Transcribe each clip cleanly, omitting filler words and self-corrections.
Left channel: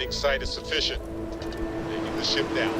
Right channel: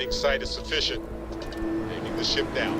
Landing site is sufficient. Taking the ship down.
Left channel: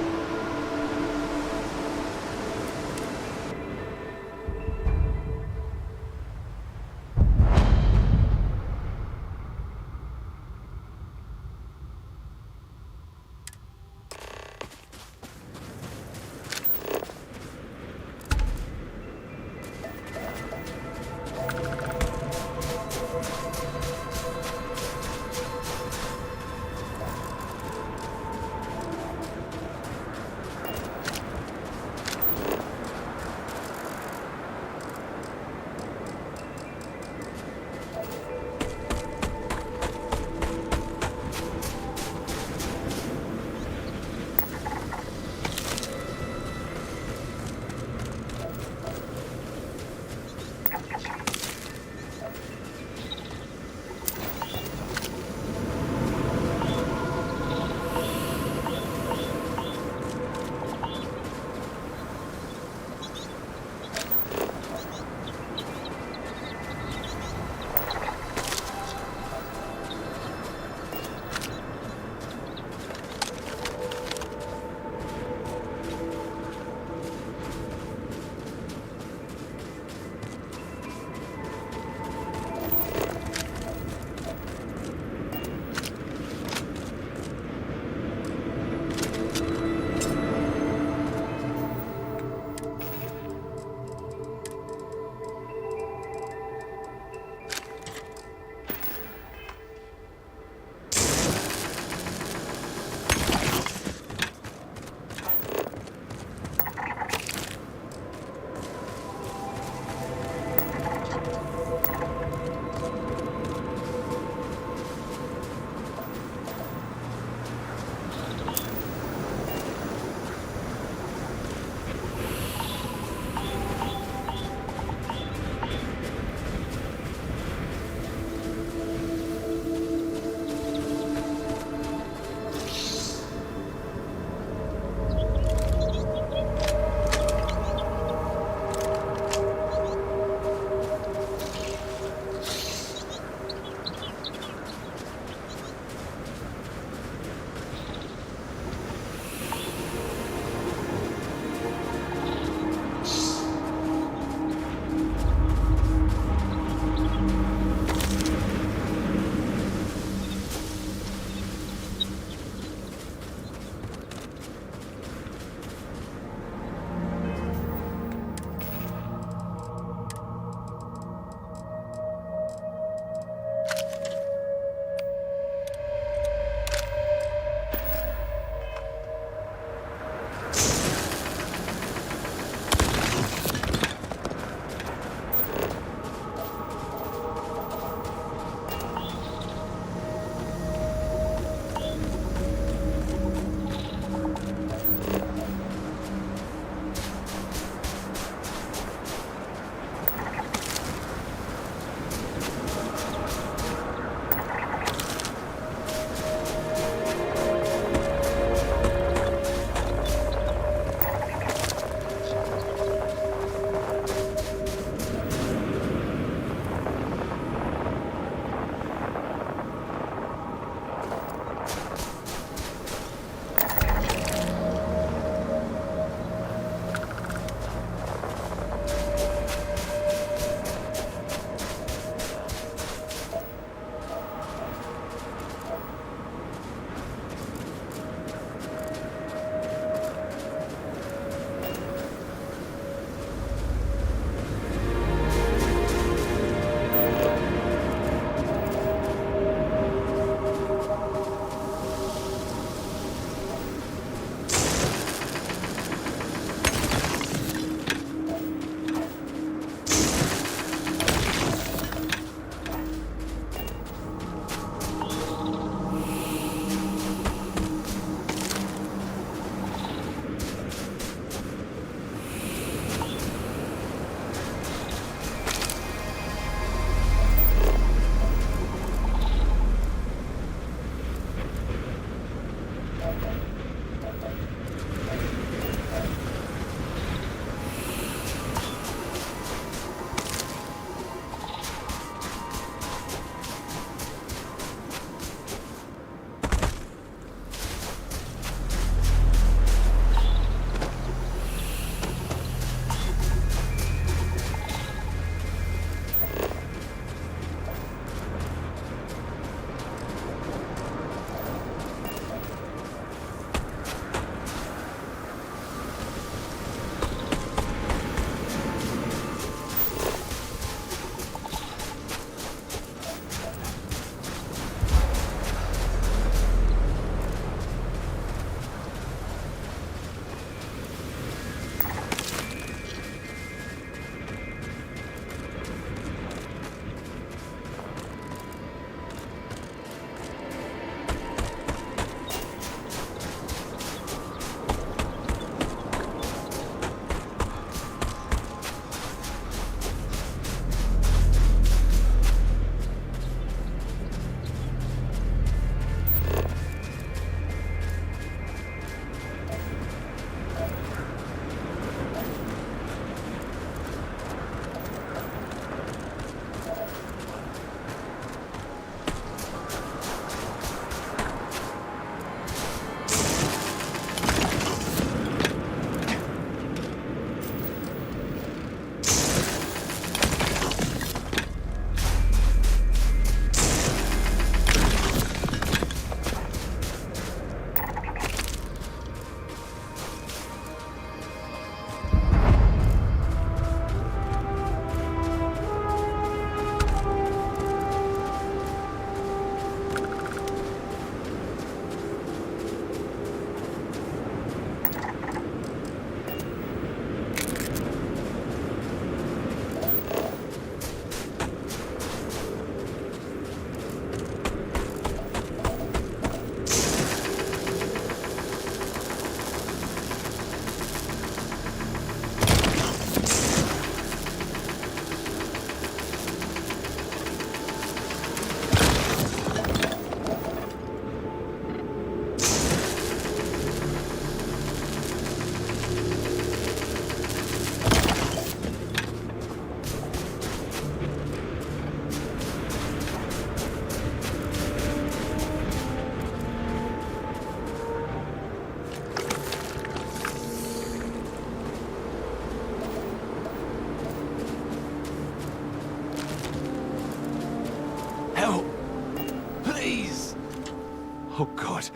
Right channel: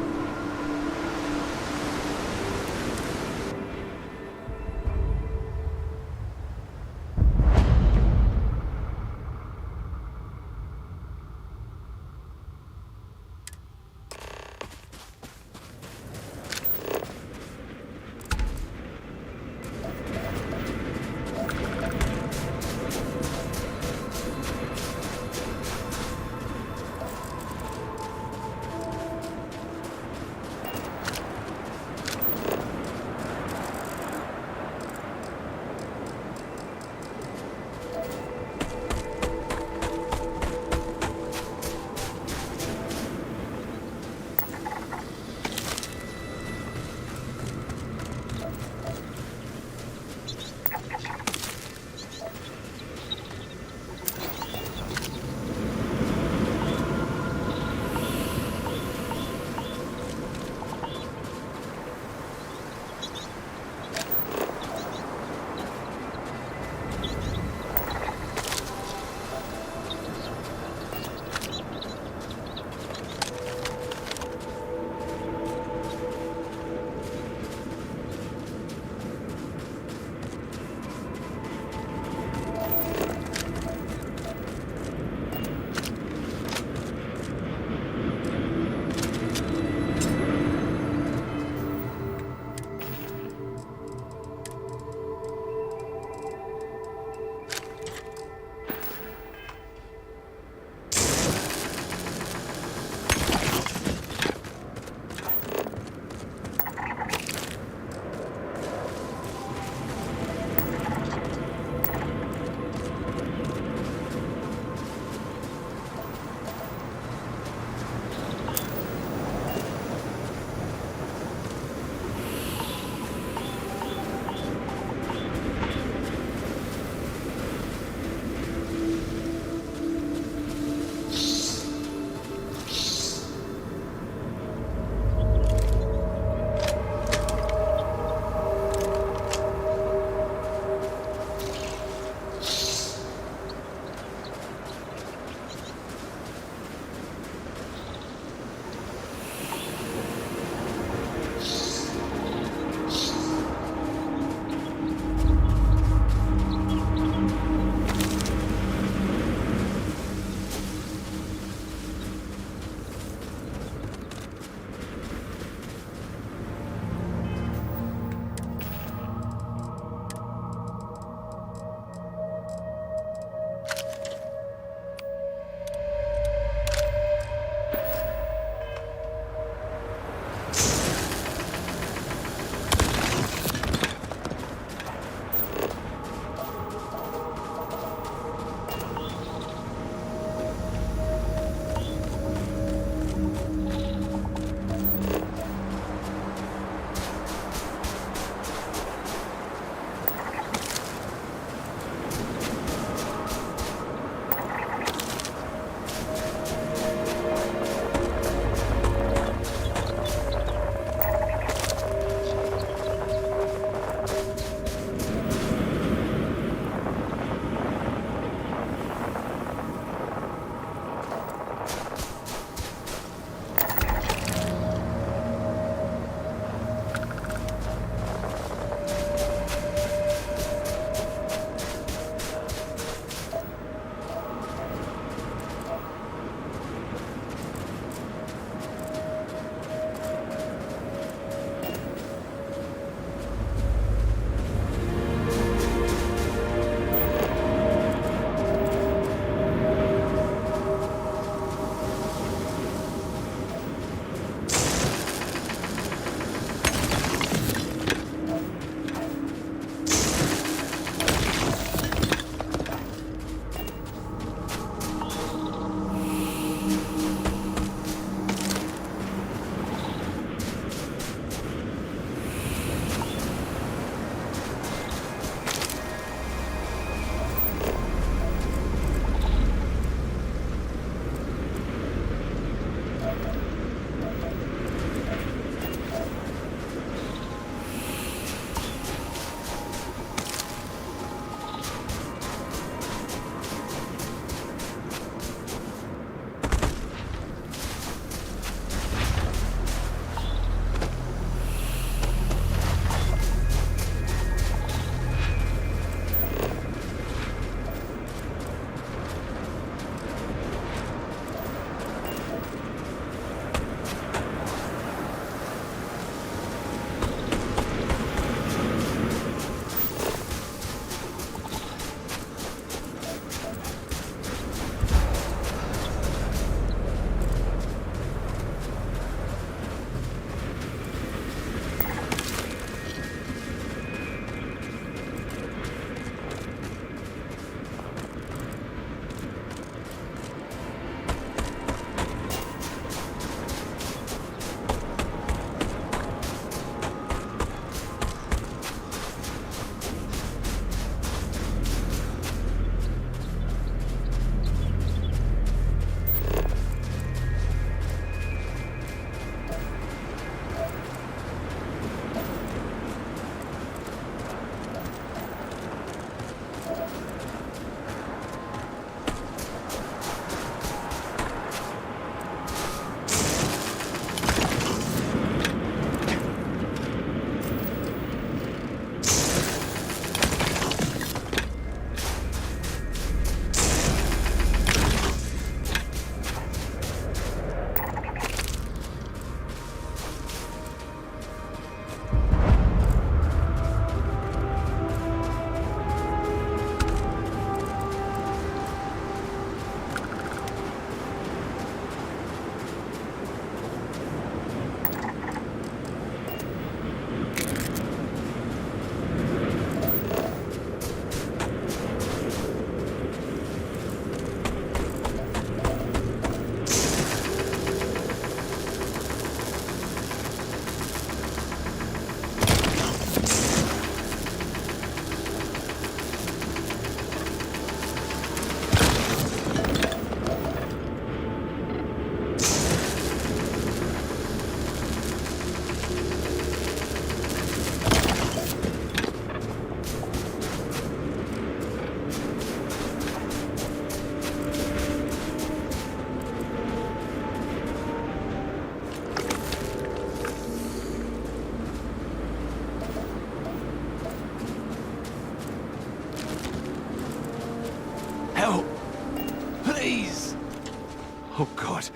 God,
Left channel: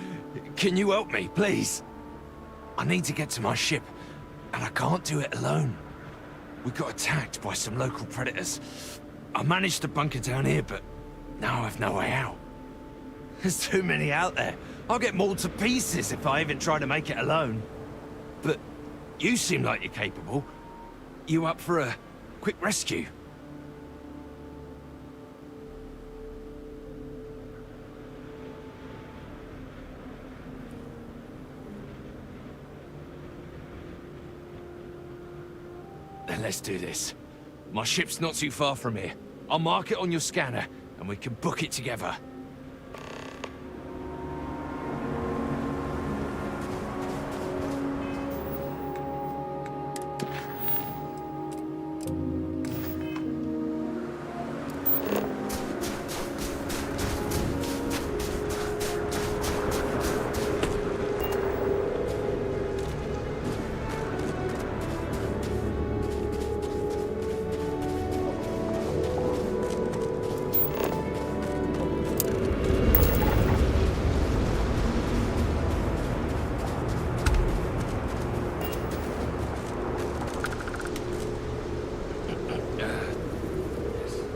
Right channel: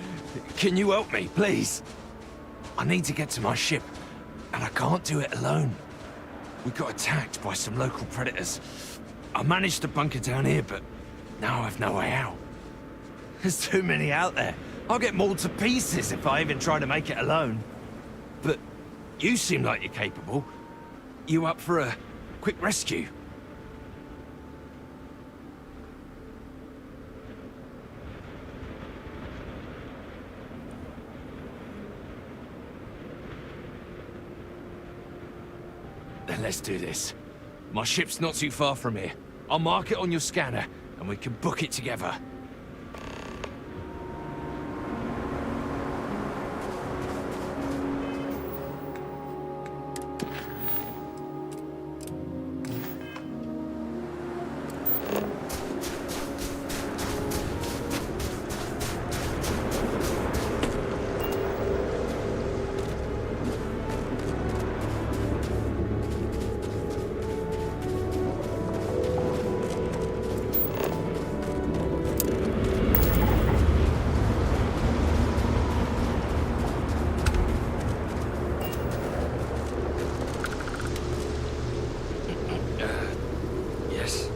can you help me, please? I need to get to my ship, and I can't do it alone. We got attacked by some local predators. I managed to bunker down here, but now I've no way out. There's too many out there. I'll get mauled to pieces if I even try to make it alone. But you seem like you're capable. You up for a quick rescue? Then let's do this. My ship's not too far from here. I'll mark it on your scanner, and we can book it together. Yes.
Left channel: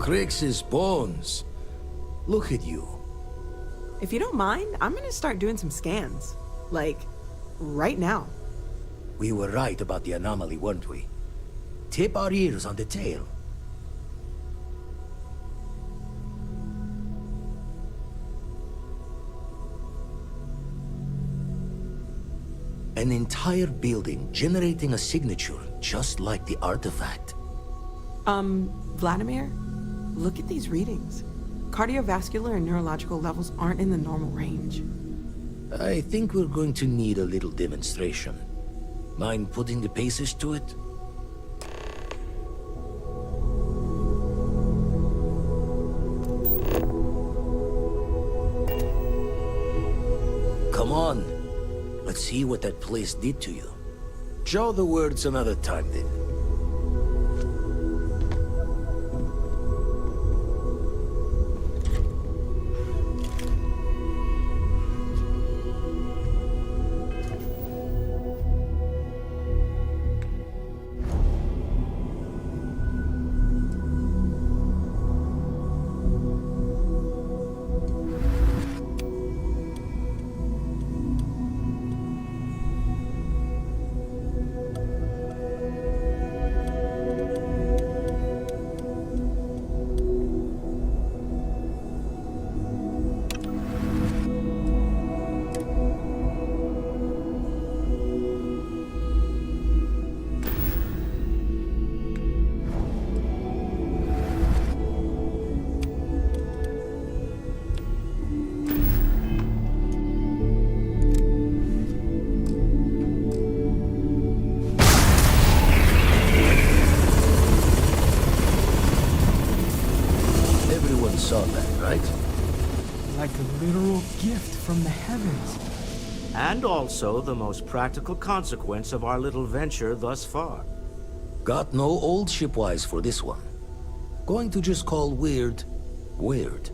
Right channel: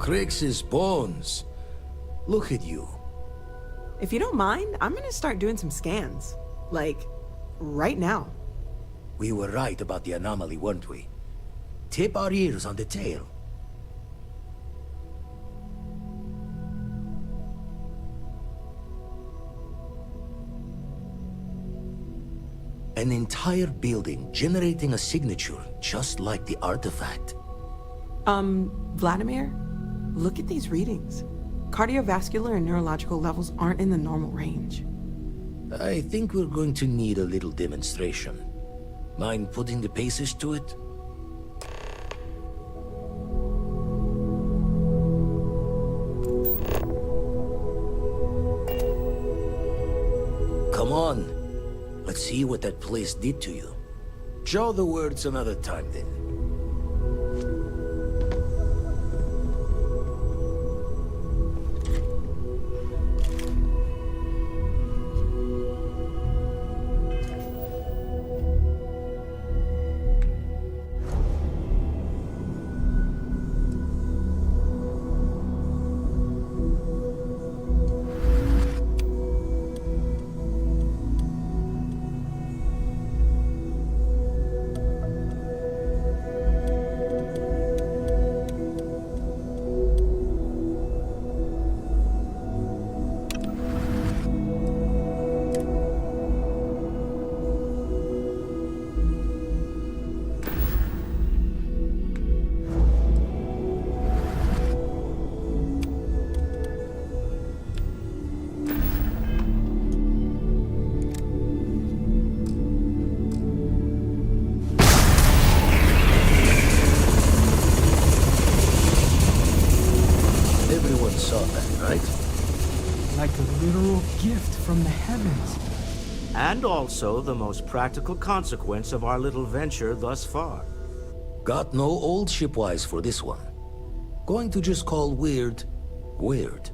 Crix's bones. Look at you. If you don't mind, I'm gonna start doing some scans. Like, right now. We were right about the anomaly, weren't we? Tip our ears on the tail. An entire building generating a signature just like the artifact. Vladimir, look at these readings. Cardiovascular and neurological levels aren't in the normal range. I think we're going to need a little demonstration. Mind putting the paces to it? Come on. Let's see what that place did to you. Draw the words another time, then. Everyone saw that, right? Like a literal gift from the heavens. And also the most practical consequence of our little venture thus far. Got no old shipwise for this one. Going to just call weird, weird.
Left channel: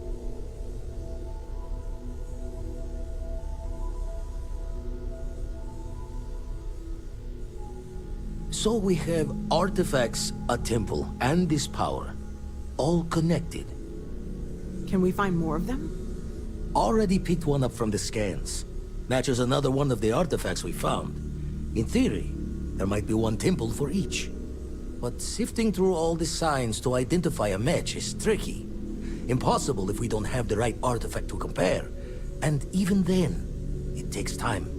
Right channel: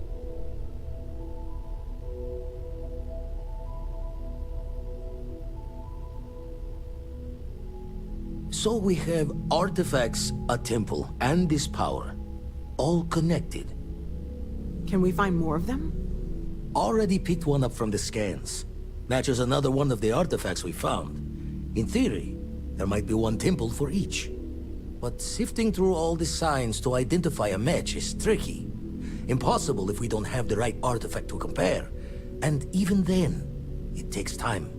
So we have artifacts, a temple, and this power. All connected. Can we find more of them? Already picked one up from the scans. Matches another one of the artifacts we found. In theory, there might be one temple for each. But sifting through all the signs to identify a match is tricky. Impossible if we don't have the right artifact to compare. And even then, it takes time.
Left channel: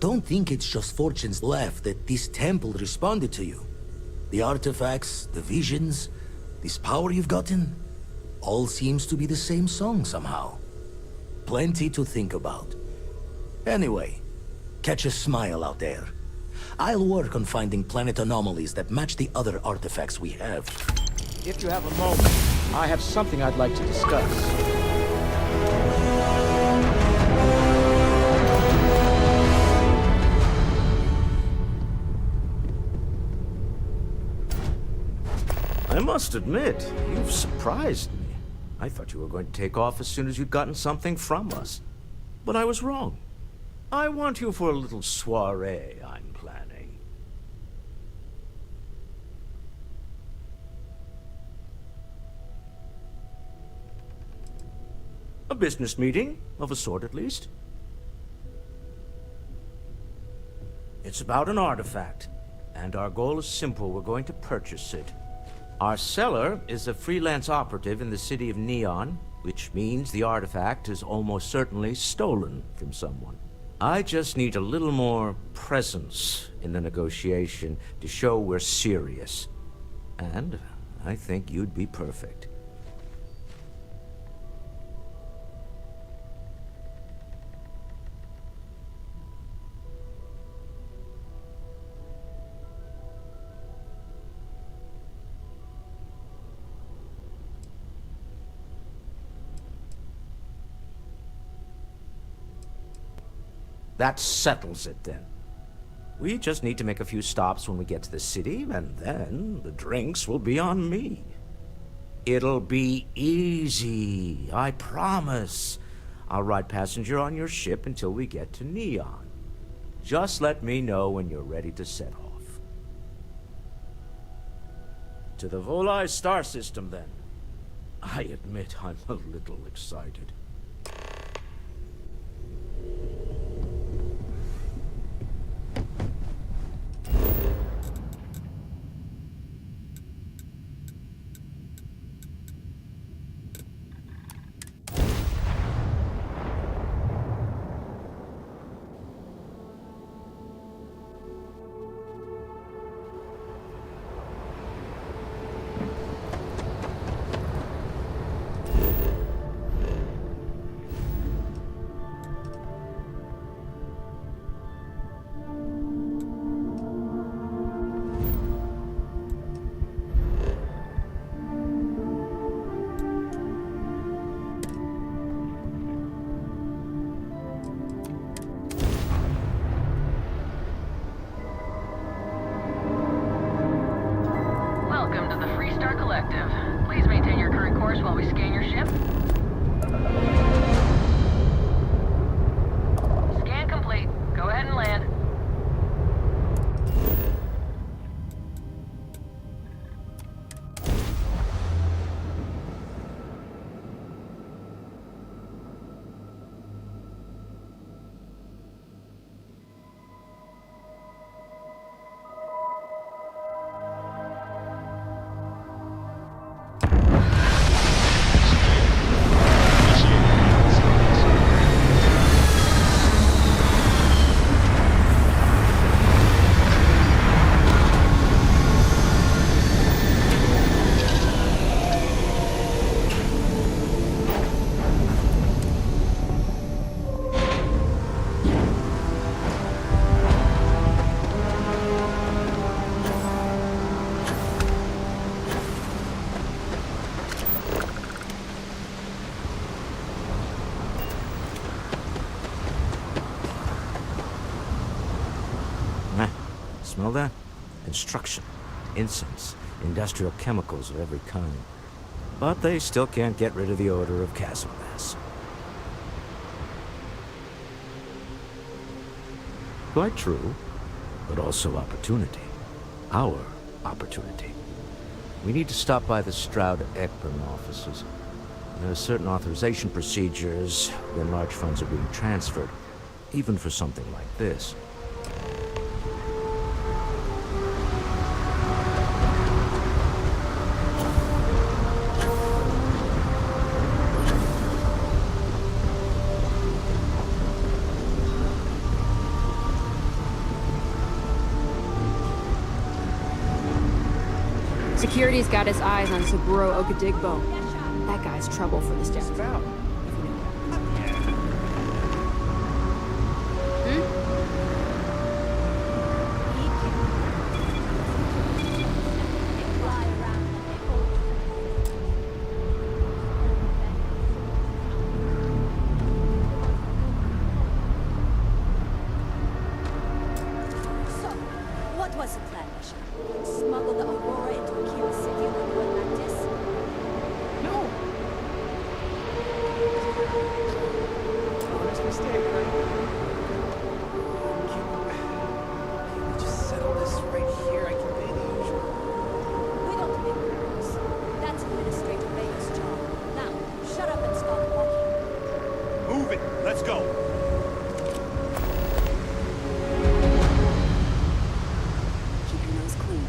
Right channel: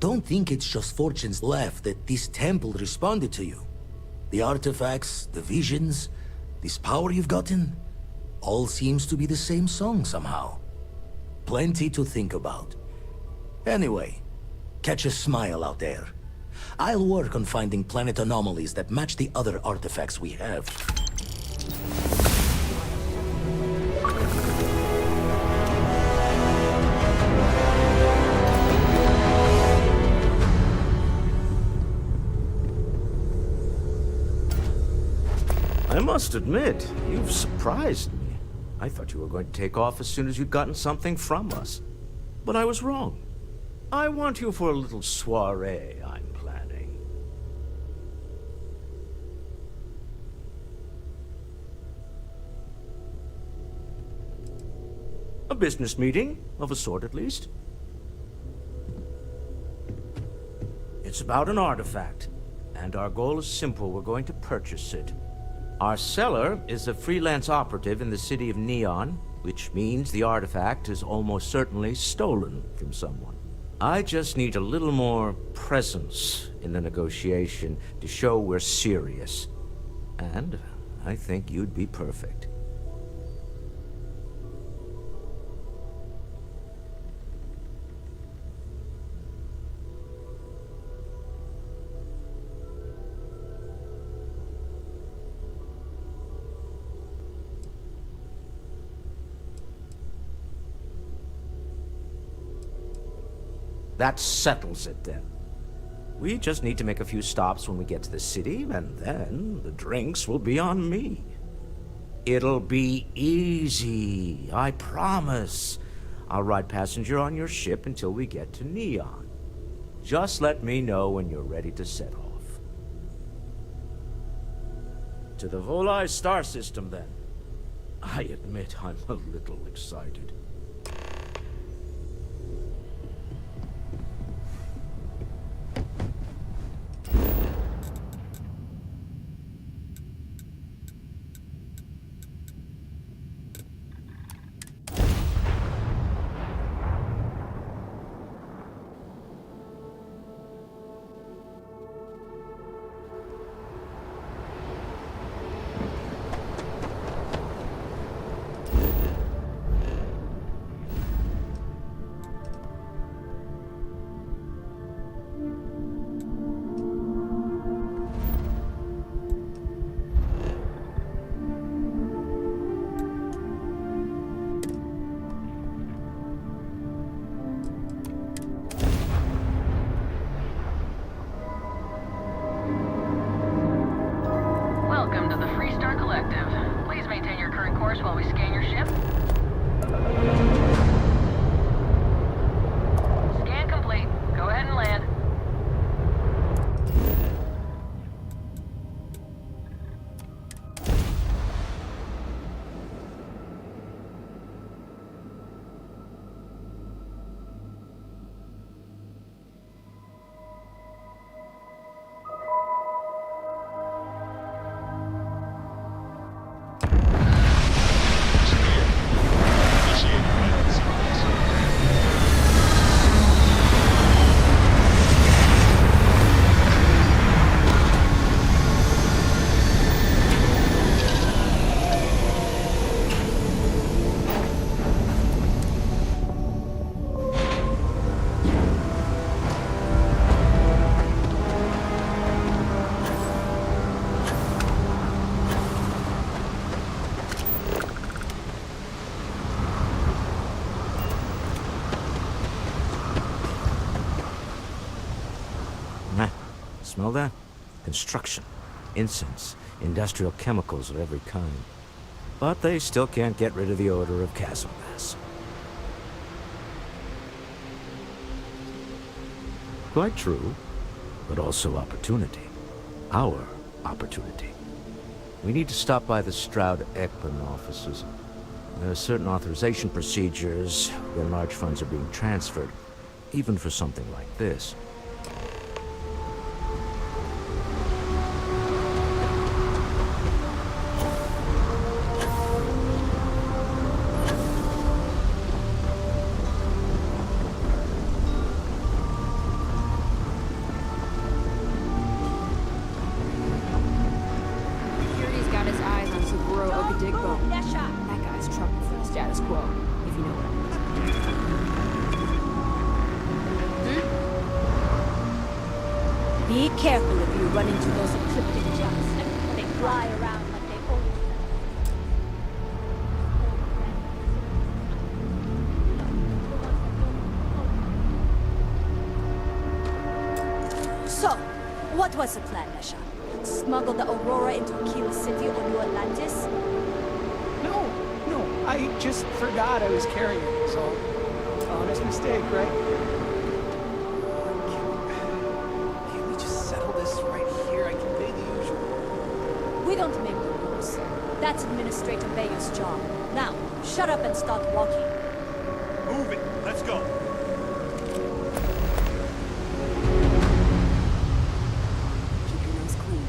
Don't think it's just fortunes left that this temple responded to you. The artifacts, the visions, this power you've gotten, all seems to be the same song somehow. Plenty to think about. Anyway, catch a smile out there. I'll work on finding planet anomalies that match the other artifacts we have. If you have a moment, I have something I'd like to discuss. I must admit, you've surprised me. I thought you were going to take off as soon as you'd gotten something from us. But I was wrong. I want you for a little soiree I'm planning. A business meeting, of a sort at least. It's about an artifact, and our goal is simple. We're going to purchase it. Our seller is a freelance operative in the city of Neon, which means the artifact is almost certainly stolen from someone. I just need a little more presence in the negotiation to show we're serious. And I think you'd be perfect. That settles it then. We just need to make a few stops when we get to the city, and then the drinks will be on me. It'll be easy, I promise. I'll ride passenger on your ship until we get to Neon. Just let me know when you're ready to set off. To the Volai star system, then. I admit I'm a little excited. Welcome to the Freestar Collective. Please maintain your current course while we scan your ship. Scan complete. Go ahead and land. Smell that? Construction, incense, industrial chemicals of every kind. But they still can't get rid of the odor of chasm gas. Quite true, but also opportunity. Our opportunity. We need to stop by the Stroud-Ekman offices. There are certain authorization procedures when large funds are being transferred, even for something like this. Security's got his eyes on Saburo Okadigbo. That guy's trouble for the status quo, if you know what I mean. Be careful if you run into those encrypted jumps. They fly around like they own So, what was the plan, Nasha? Smuggle the Aurora into Aquila City or New Atlantis? No, I just forgot I was carrying it, so honest mistake, right? Can we just settle this right here? I can pay the usual. We don't make the rules. That's Administrator Bayer's job. Now, shut up and start walking. Move it. Let's go. Keep your nose clean.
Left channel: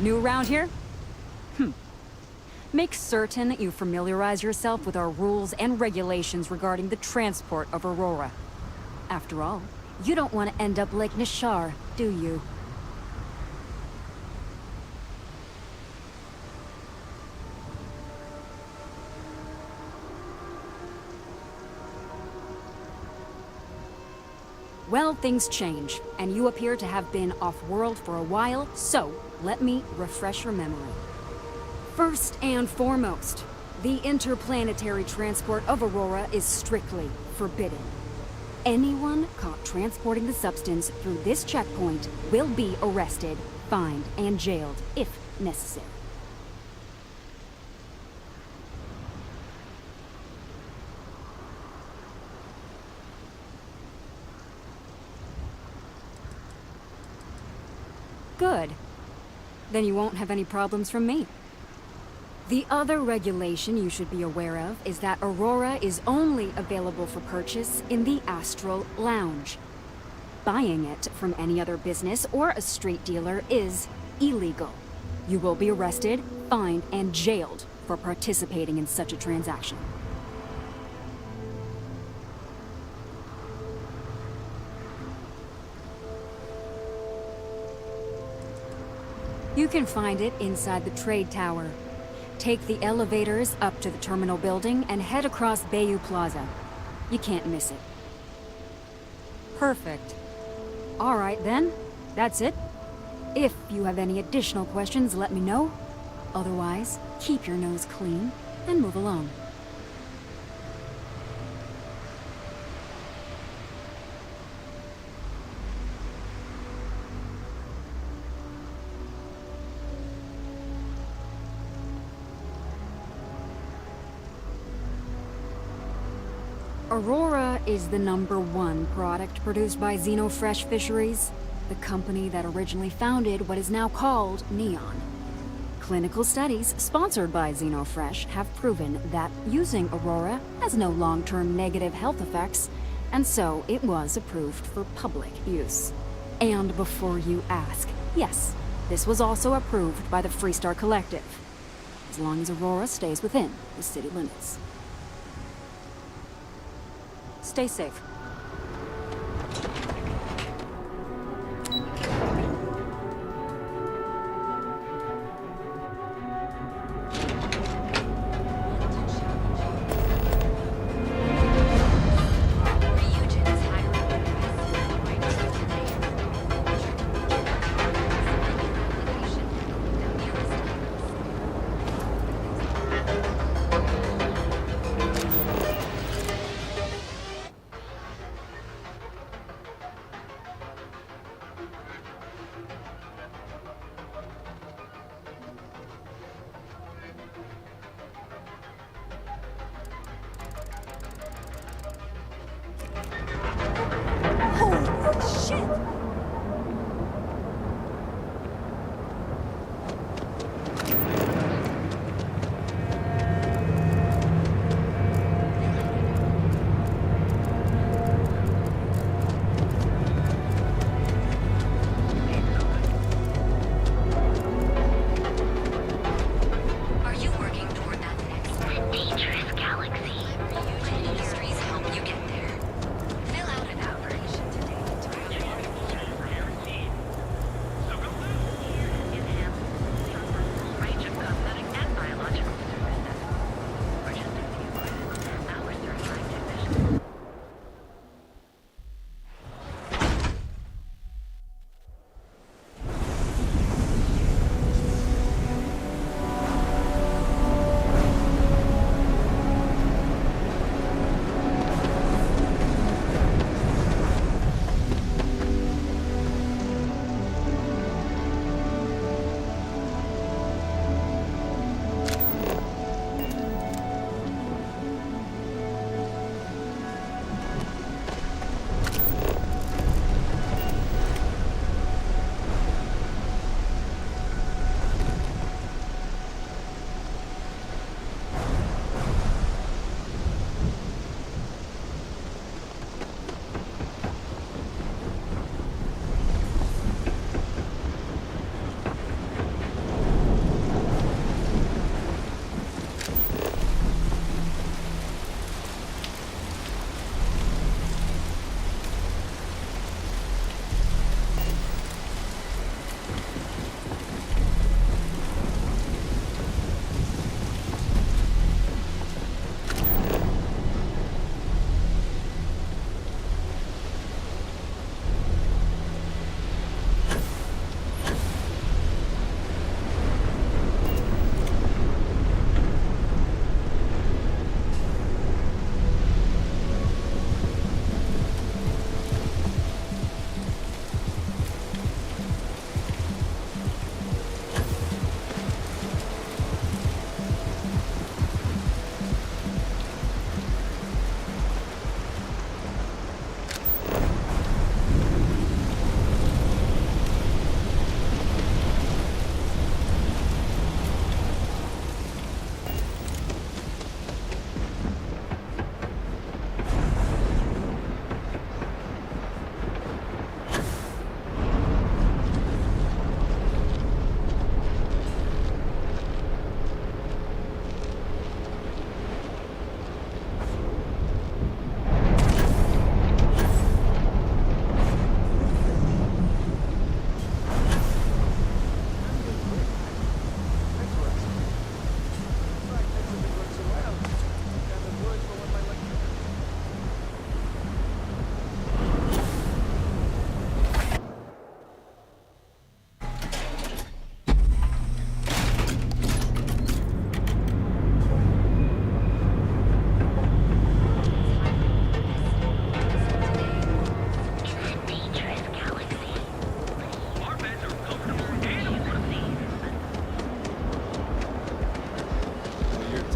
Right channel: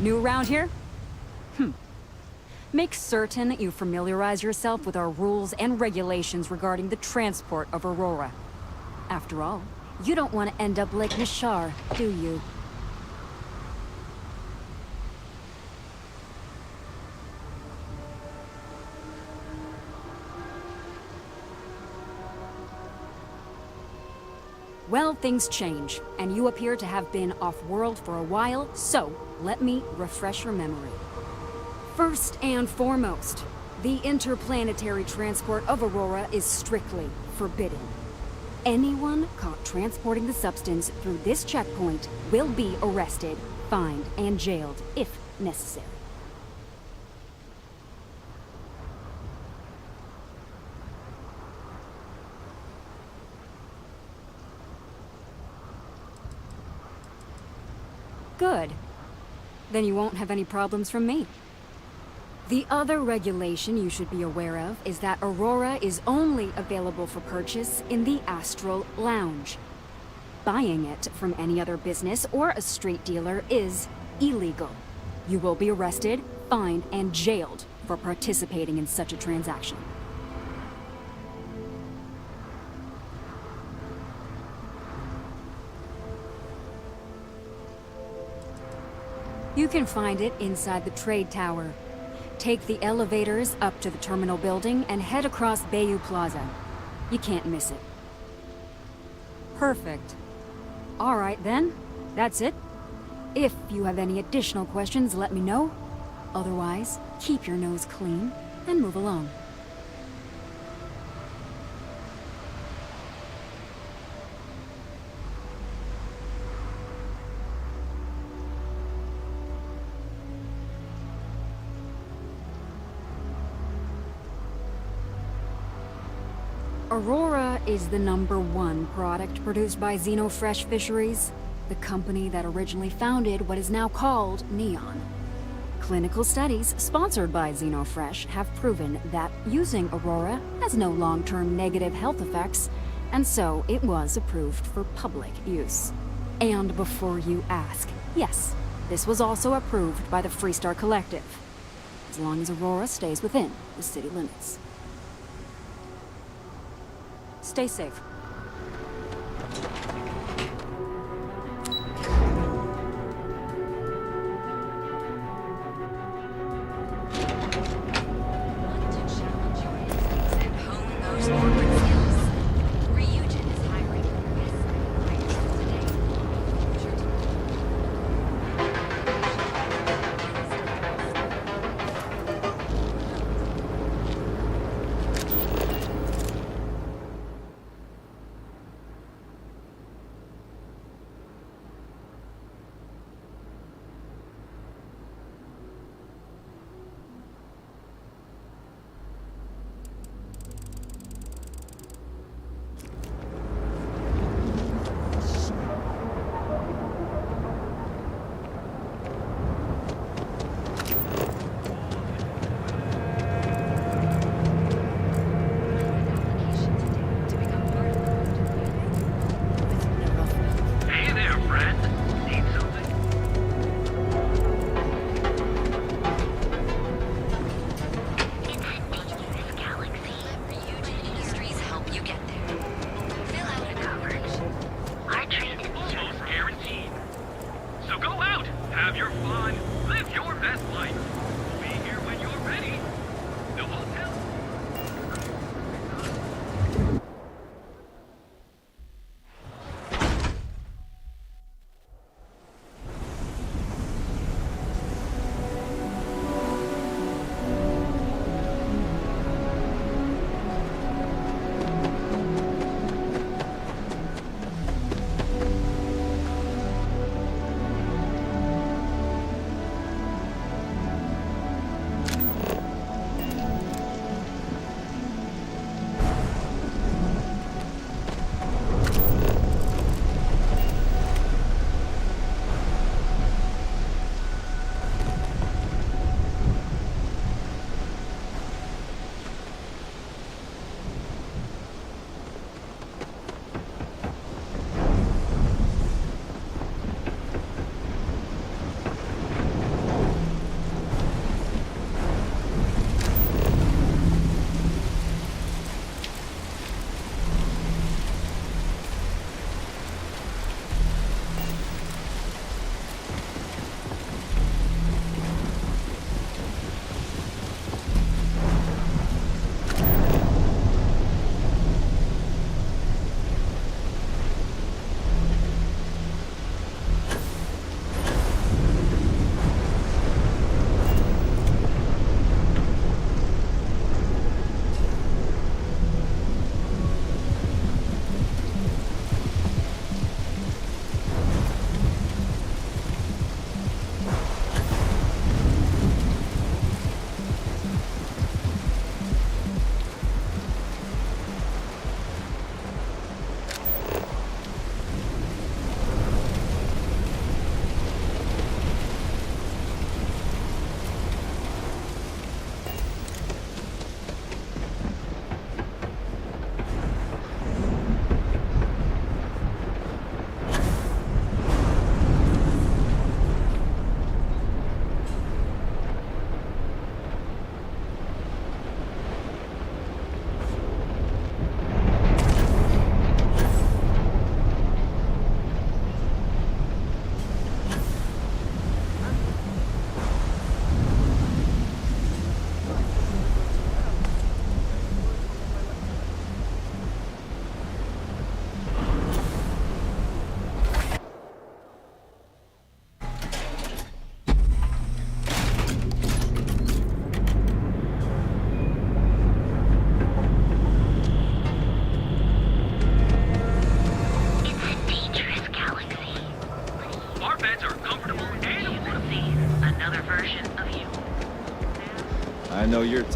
New around here? Make certain you familiarize yourself with our rules and regulations regarding the transport of Aurora. After all, you don't want to end up like Nishar, do you? Well, things change, and you appear to have been off-world for a while, so let me refresh your memory. First and foremost, the interplanetary transport of Aurora is strictly forbidden. Anyone caught transporting the substance through this checkpoint will be arrested, fined, and jailed, if necessary. Good. Then you won't have any problems from me. The other regulation you should be aware of is that Aurora is only available for purchase in the Astral Lounge. Buying it from any other business or a street dealer is illegal. You will be arrested, fined, and jailed for participating in such a transaction. You can find it inside the trade tower. Take the elevators up to the terminal building and head across Bayou Plaza. You can't miss it. Perfect. All right then, that's it. If you have any additional questions, let me know. Otherwise, keep your nose clean and move along. Aurora is the #1 product produced by Xenofresh Fisheries, the company that originally founded what is now called Neon. Clinical studies sponsored by Xenofresh have proven that using Aurora has no long-term negative health effects, and so it was approved for public use. And before you ask, yes, this was also approved by the Freestar Collective, as long as Aurora stays within the city limits. Stay safe.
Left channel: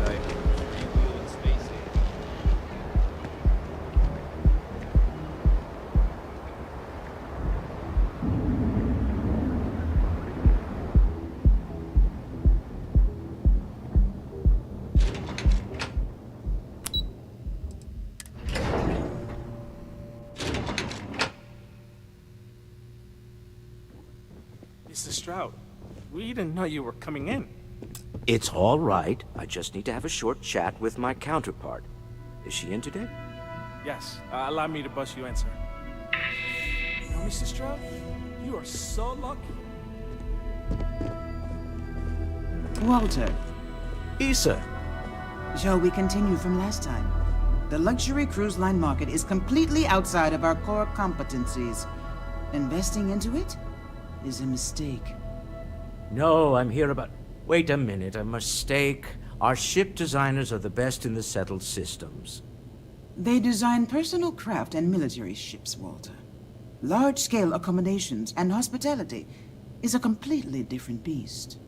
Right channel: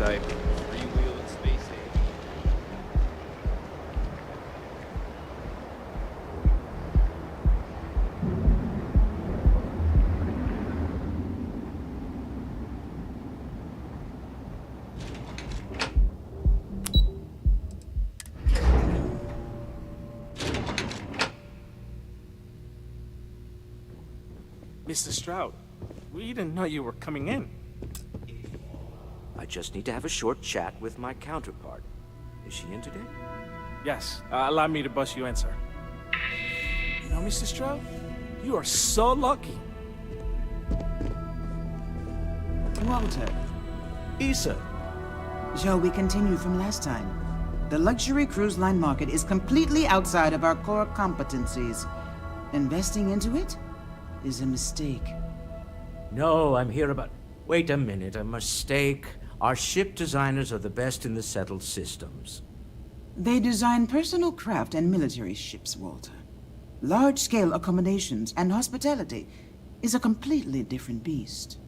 type. Three-wheel and space age. Mr. Stroud, we didn't know you were coming in. It's all right. I just need to have a short chat with my counterpart. Is she in today? Yes, allow me to bust you in, sir. You know, Mr. Stroud, you are so lucky. Walter, Issa. shall we continue from last time? The luxury cruise line market is completely outside of our core competencies. Investing into it is a mistake. No, I'm here about... Wait a minute, a mistake. Our ship designers are the best in the settled systems. They design personal craft and military ships, Walter. Large-scale accommodations and hospitality is a completely different beast.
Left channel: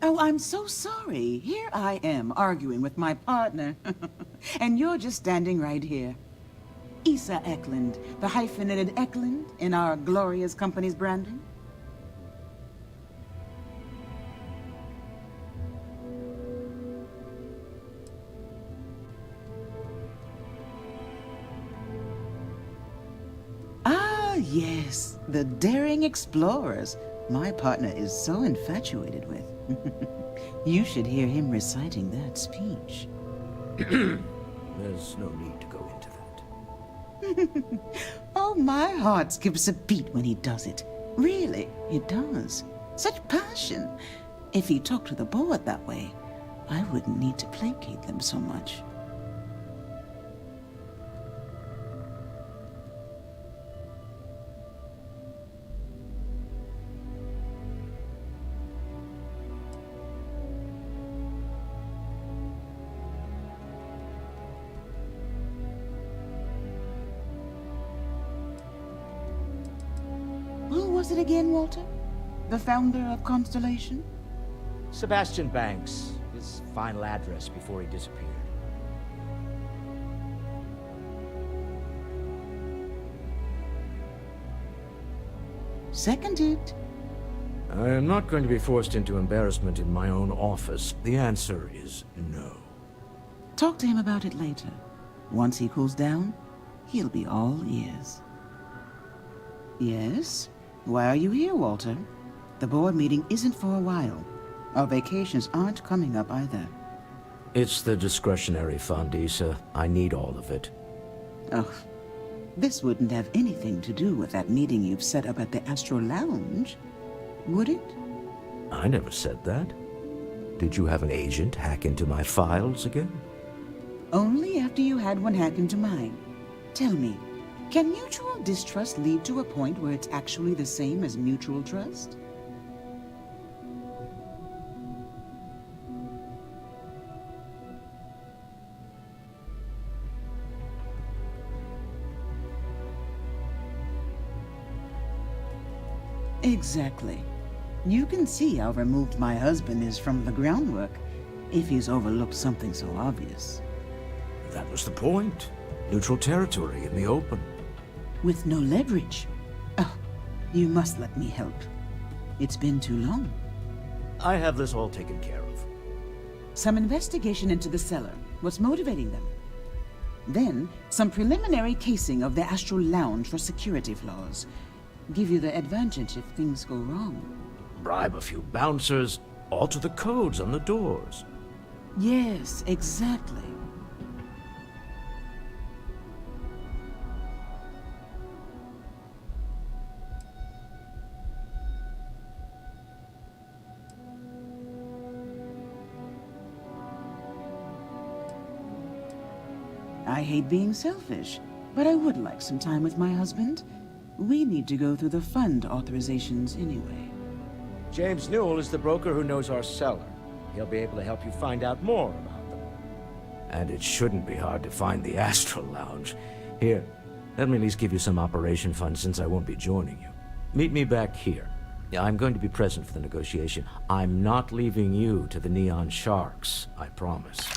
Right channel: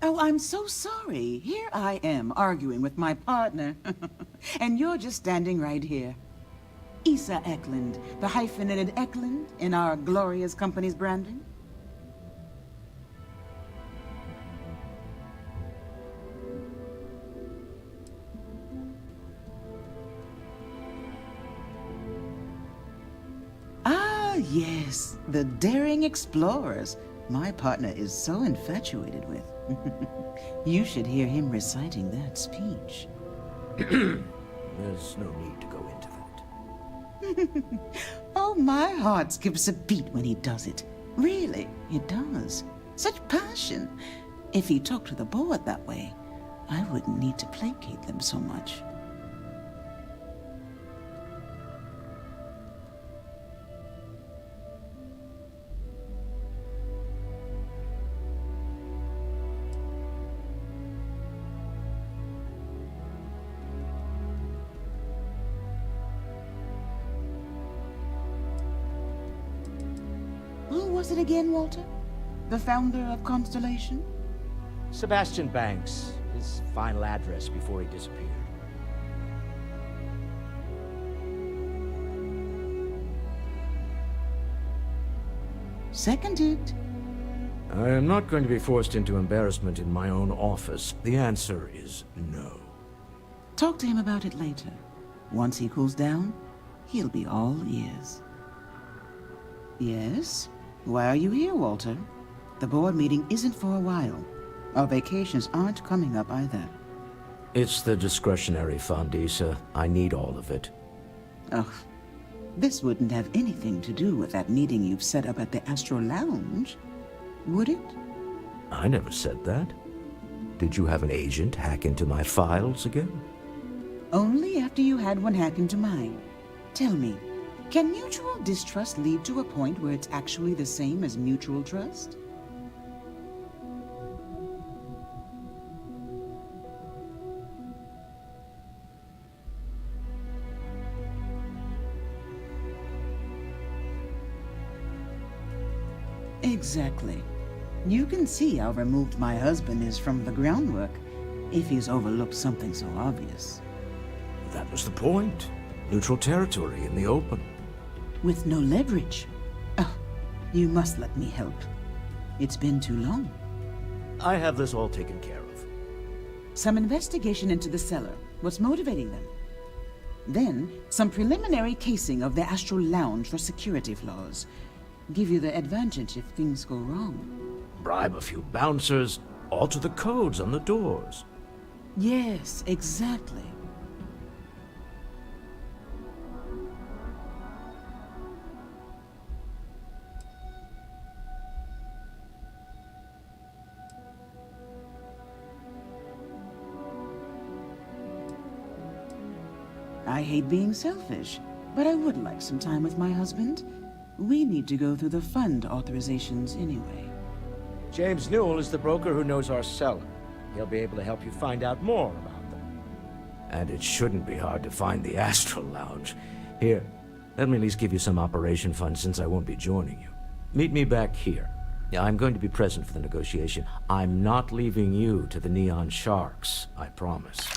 Oh, I'm so sorry. Here I am arguing with my partner. And you're just standing right here. Issa Eklund, the hyphenated Eklund in our glorious company's branding. Ah, yes, the daring explorers my partner is so infatuated with. You should hear him reciting that speech. There's no need to go into that. Oh, my heart skips a beat when he does it. Really, it does. Such passion. If he talked to the board that way, I wouldn't need to placate them so much. Who was it again, Walter? The founder of Constellation? Sebastian Banks, his final address before he disappeared. Seconded. I am not going to be forced into embarrassment in my own office. The answer is no. Talk to him about it later. Once he cools down, he'll be all ears. Yes? Why are you here, Walter? The board meeting isn't for a while. Our vacations aren't coming up either. It's the discretionary fund, Issa. I need all of it. Oh, this wouldn't have anything to do with that meeting you've set up at the Astro Lounge, would it? I never said that. Did you have an agent hack into my files again? Only after you had one hack into mine. Tell me, can mutual distrust lead to a point where it's actually the same as mutual trust? Exactly. You can see how removed my husband is from the groundwork if he's overlooked something so obvious. That was the point. Neutral territory in the open. With no leverage. Oh, you must let me help. It's been too long. I have this all taken care of. Some investigation into the cellar. What's motivating them? Then, some preliminary casing of the Astral Lounge for security flaws. Give you the advantage if things go wrong. Bribe a few bouncers, alter the codes on the doors. Yes, exactly. I hate being selfish, but I would like some time with my husband. We need to go through the fund authorizations anyway. James Newell is the broker who knows our seller. He'll be able to help you find out more about them. And it shouldn't be hard to find the Astral Lounge. Here, let me at least give you some operation funds since I won't be joining you. Meet me back here. Yeah, I'm going to be present for the negotiation. I'm not leaving you to the Neon Sharks, I promise.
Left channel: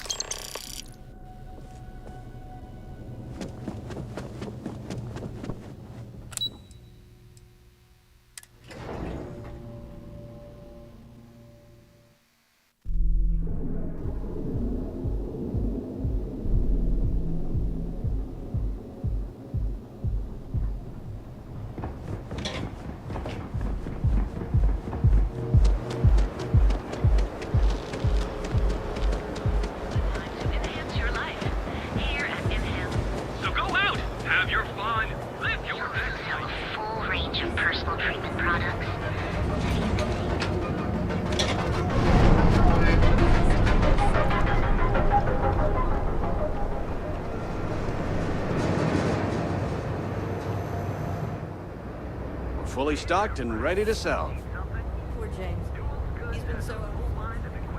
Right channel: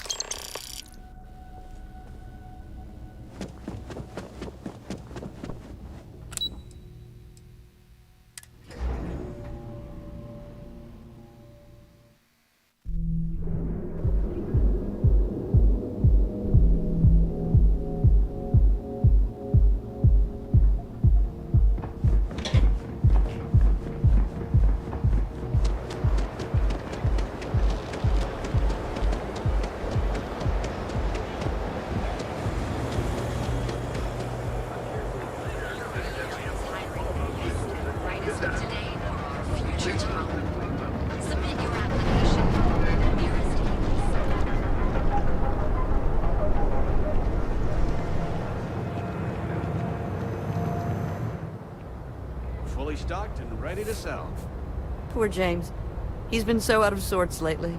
Fully stocked and ready to sell. Poor James. He's been so out of sorts lately.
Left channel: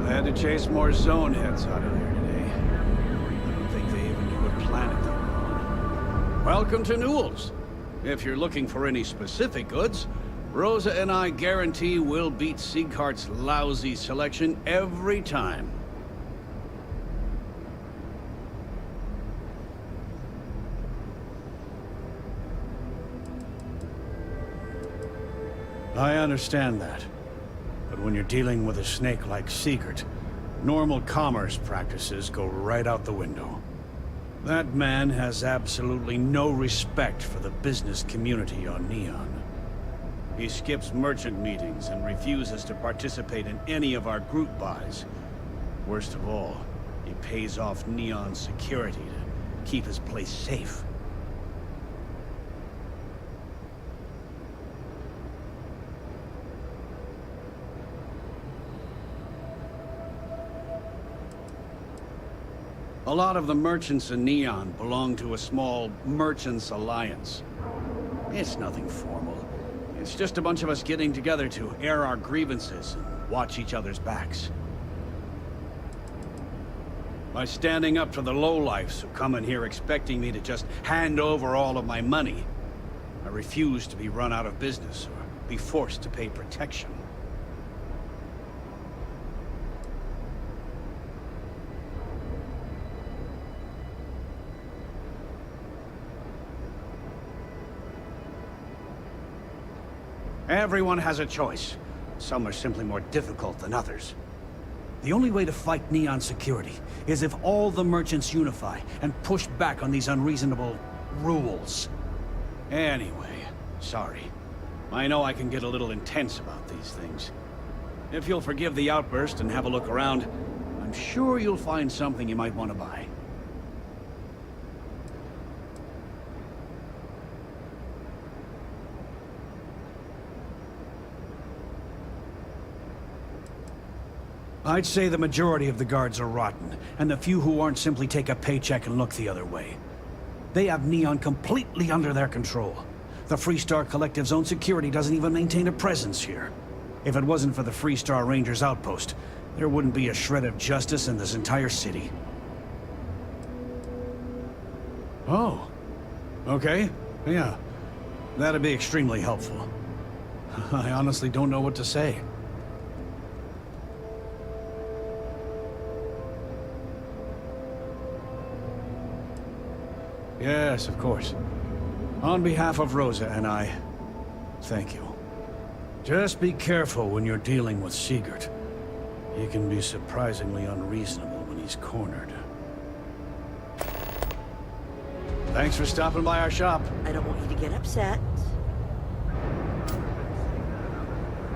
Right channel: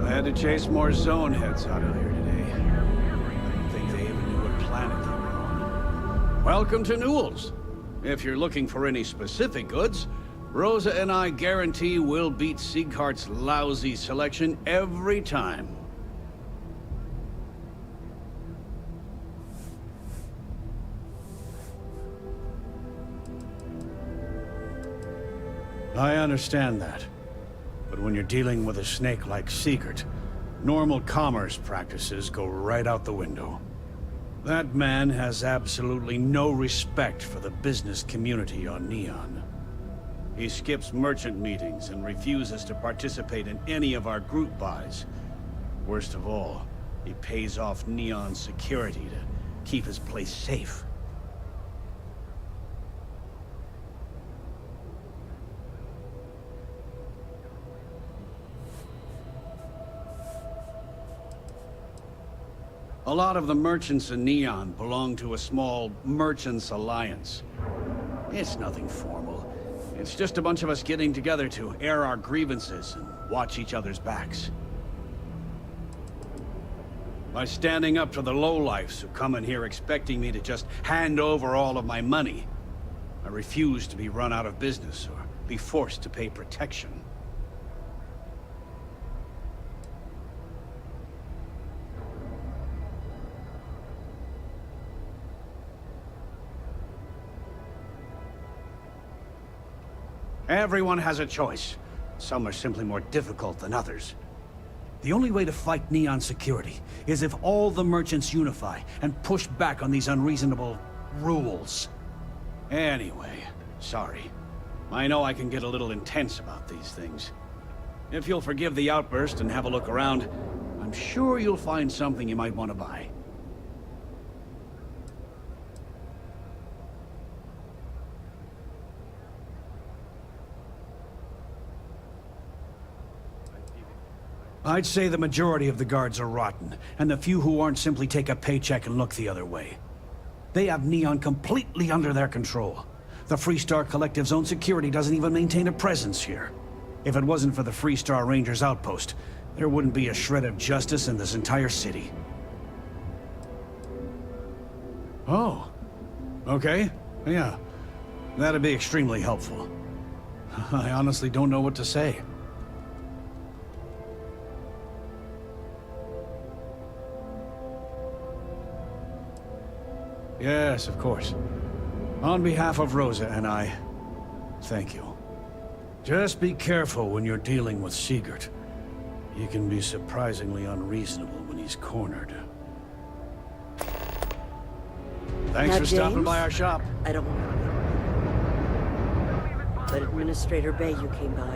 I had to chase more zone heads out of here today. I don't think they even knew what planet they were on. Welcome to Newell's. If you're looking for any specific goods, Rosa and I guarantee we'll beat Sieghart's lousy selection every time. I understand that. But when you're dealing with a snake like Siegert, normal commerce practices go right out the window. That man has absolutely no respect for the business community on Neon. He skips merchant meetings and refuses to participate in any of our group buys. Worst of all, he pays off Neon security to keep his place safe. A lot of the merchants in Neon belong to a small merchants alliance. It's nothing formal. It's just a bunch of us getting together to air our grievances and watch each other's backs. By standing up to the lowlifes who come in here expecting me to just hand over all of my money, I refuse to be run out of business or be forced to pay protection. Everyone has a choice. Some are simply more difficult than others. The only way to fight Neon security is if all the merchants unify and push back on these unreasonable rules. Anyway, sorry. I know I can get a little intense about these things. If you'll forgive the outburst and have a look around, I'm sure you'll find something you might want to buy. I'd say the majority of the guards are rotten, and the few who aren't simply take a paycheck and look the other way. They have Neon completely under their control. The Freestar Collective's own security doesn't even maintain a presence here. If it wasn't for the Freestar Rangers outpost, there wouldn't be a shred of justice in this entire city. Oh. Okay. Yeah. That'd be extremely helpful. I honestly don't know what to say. Yes, of course. On behalf of Rosa and I, thank you. Just be careful when you're dealing with Siegert. He can be surprisingly unreasonable when he's cornered. Thanks for stopping by our shop. I don't want you to get upset, but Administrator Bayou came by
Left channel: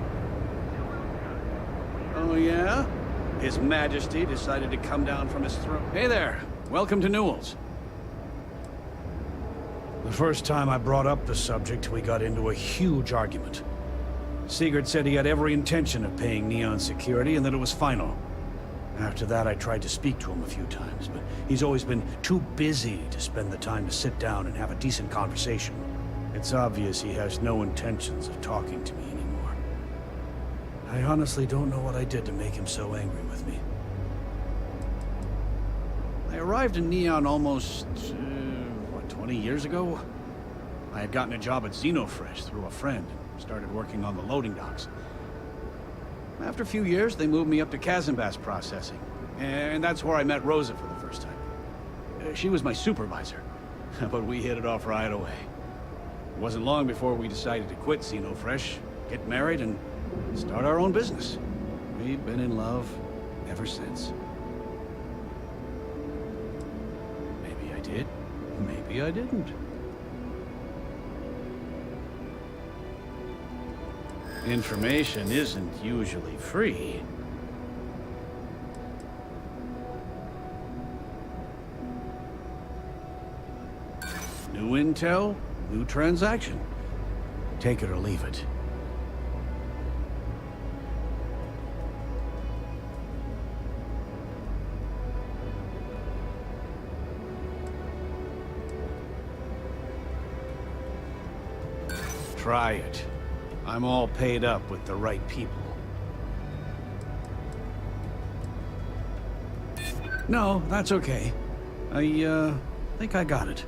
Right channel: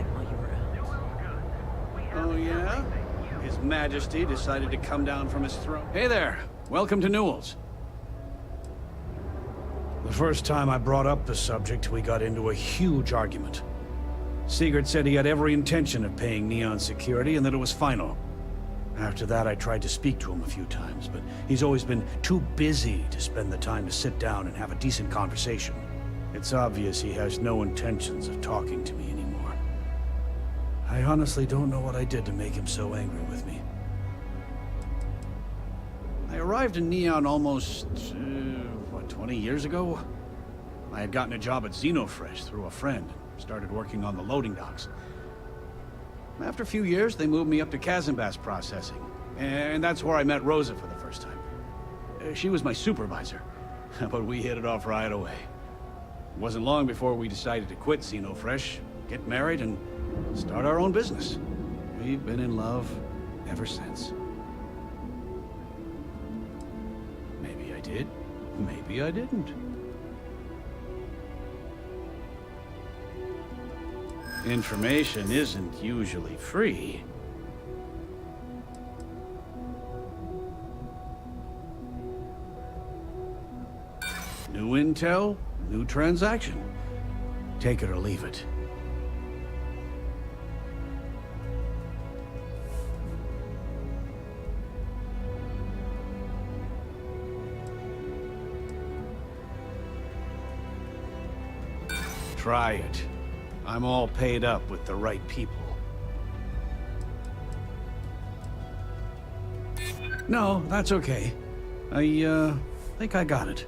while you were... Oh, yeah? His Majesty decided to come down from his throne. Hey there. Welcome to Newell's. The first time I brought up the subject, we got into a huge argument. Siegert said he had every intention of paying Neon security and that it was final. After that, I tried to speak to him a few times, but he's always been too busy to spend the time to sit down and have a decent conversation. It's obvious he has no intentions of talking to me anymore. I honestly don't know what I did to make him so angry with me. I arrived in Neon almost, 20 years ago? I had gotten a job at Xenofresh through a friend and started working on the loading docks. After a few years, they moved me up to Kazanbas processing, and that's where I met Rosa for the first time. She was my supervisor, but we hit it off right away. It wasn't long before we decided to quit Xenofresh, get married, and start our own business. We've been in love ever since. Maybe I did, maybe I didn't. Information isn't usually free. New intel, new transaction. Take it or leave it. Try it. I'm all paid up with the right people. No, that's okay. I think I got it.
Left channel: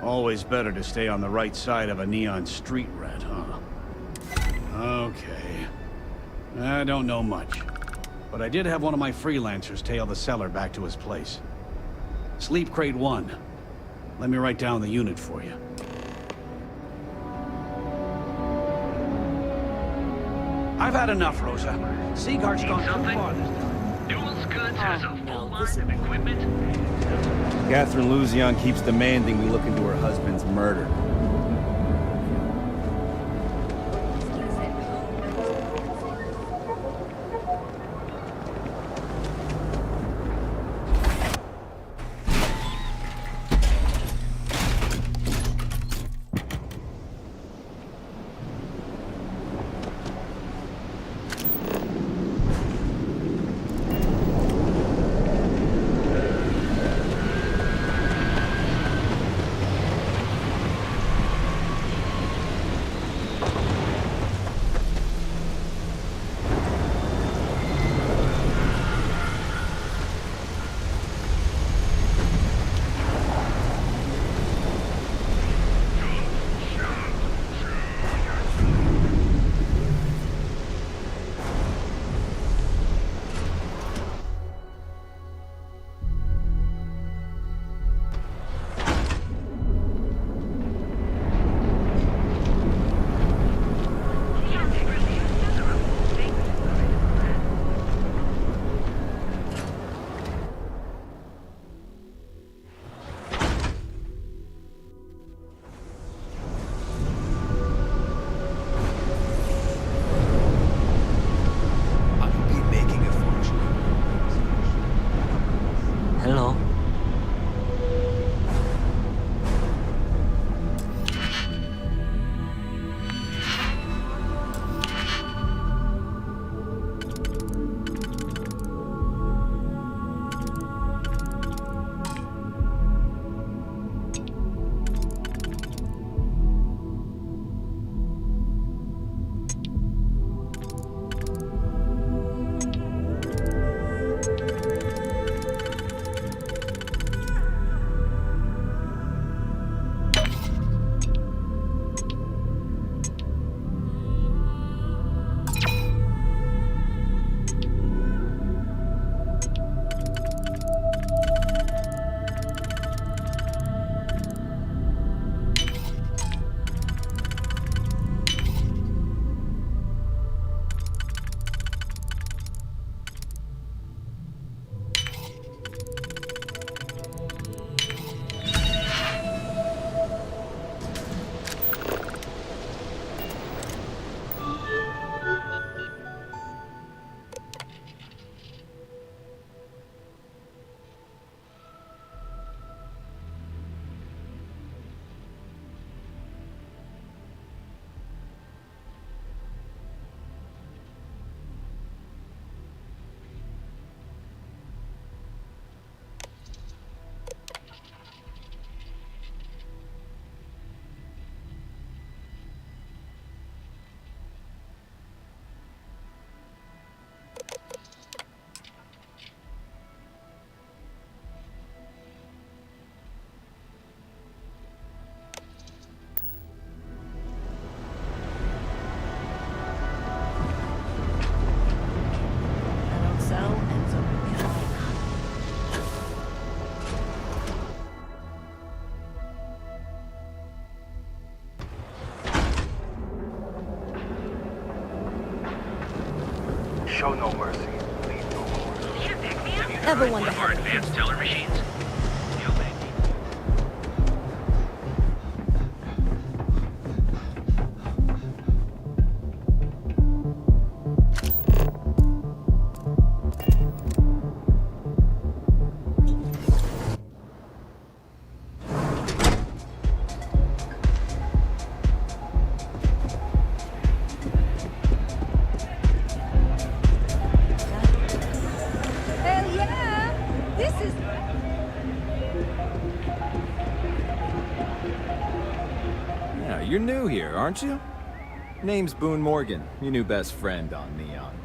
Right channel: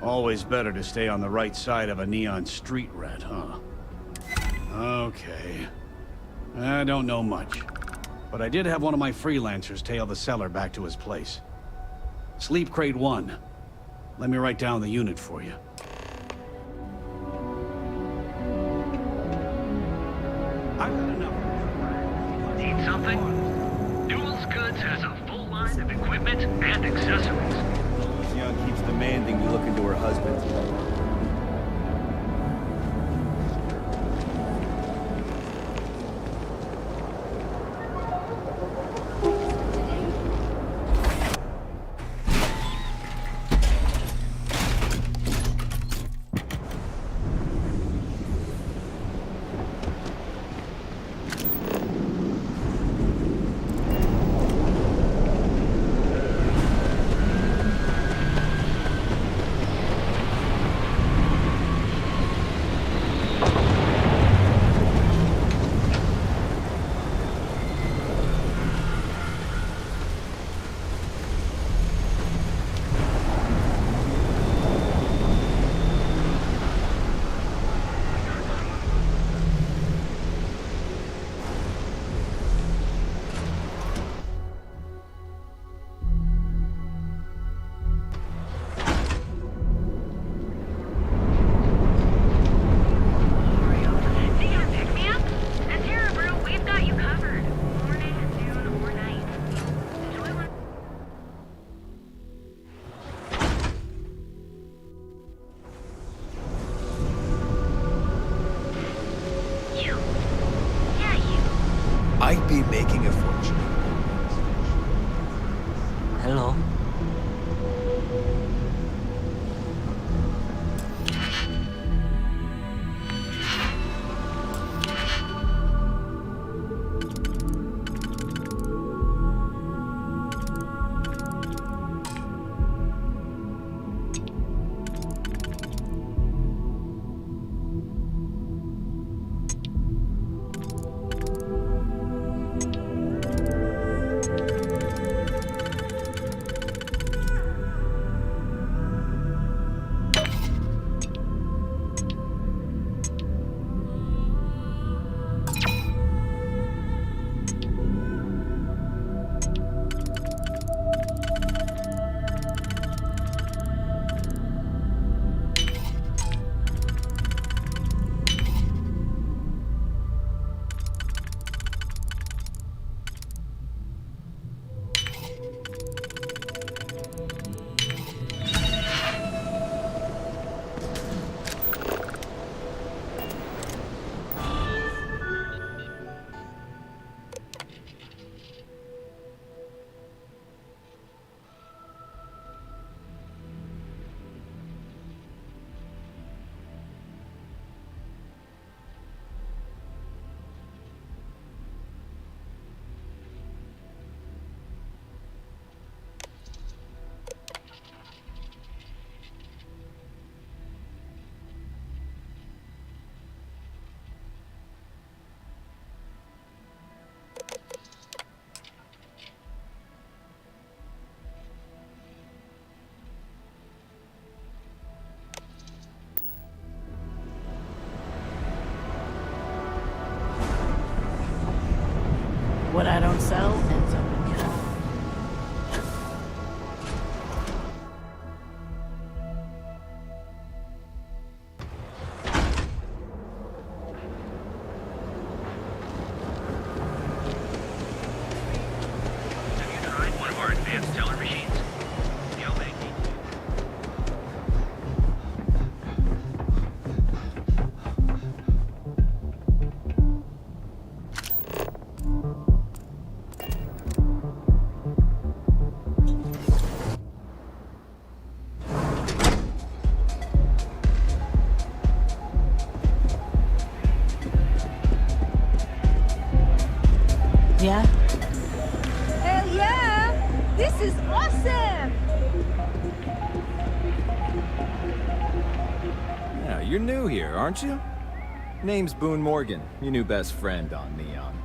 Always better to stay on the right side of a neon street rat, huh? Okay. I don't know much. But I did have one of my freelancers tail the seller back to his place. Sleep Crate 1. Let me write down the unit for you. I've had enough, Rosa. Seaguard's gone too far this time. Newell's Goods has a full line of equipment and accessories. Catherine Luzion keeps demanding we look into her husband's murder. cell ends up in jar. Show no mercy. Have you Everyone tried one of our advanced teller machines? You'll make me. Yeah? Hell yeah! This is awesome! Yeah, you're new here, aren't you? Name's Boone Morgan, your new best friend on Neon.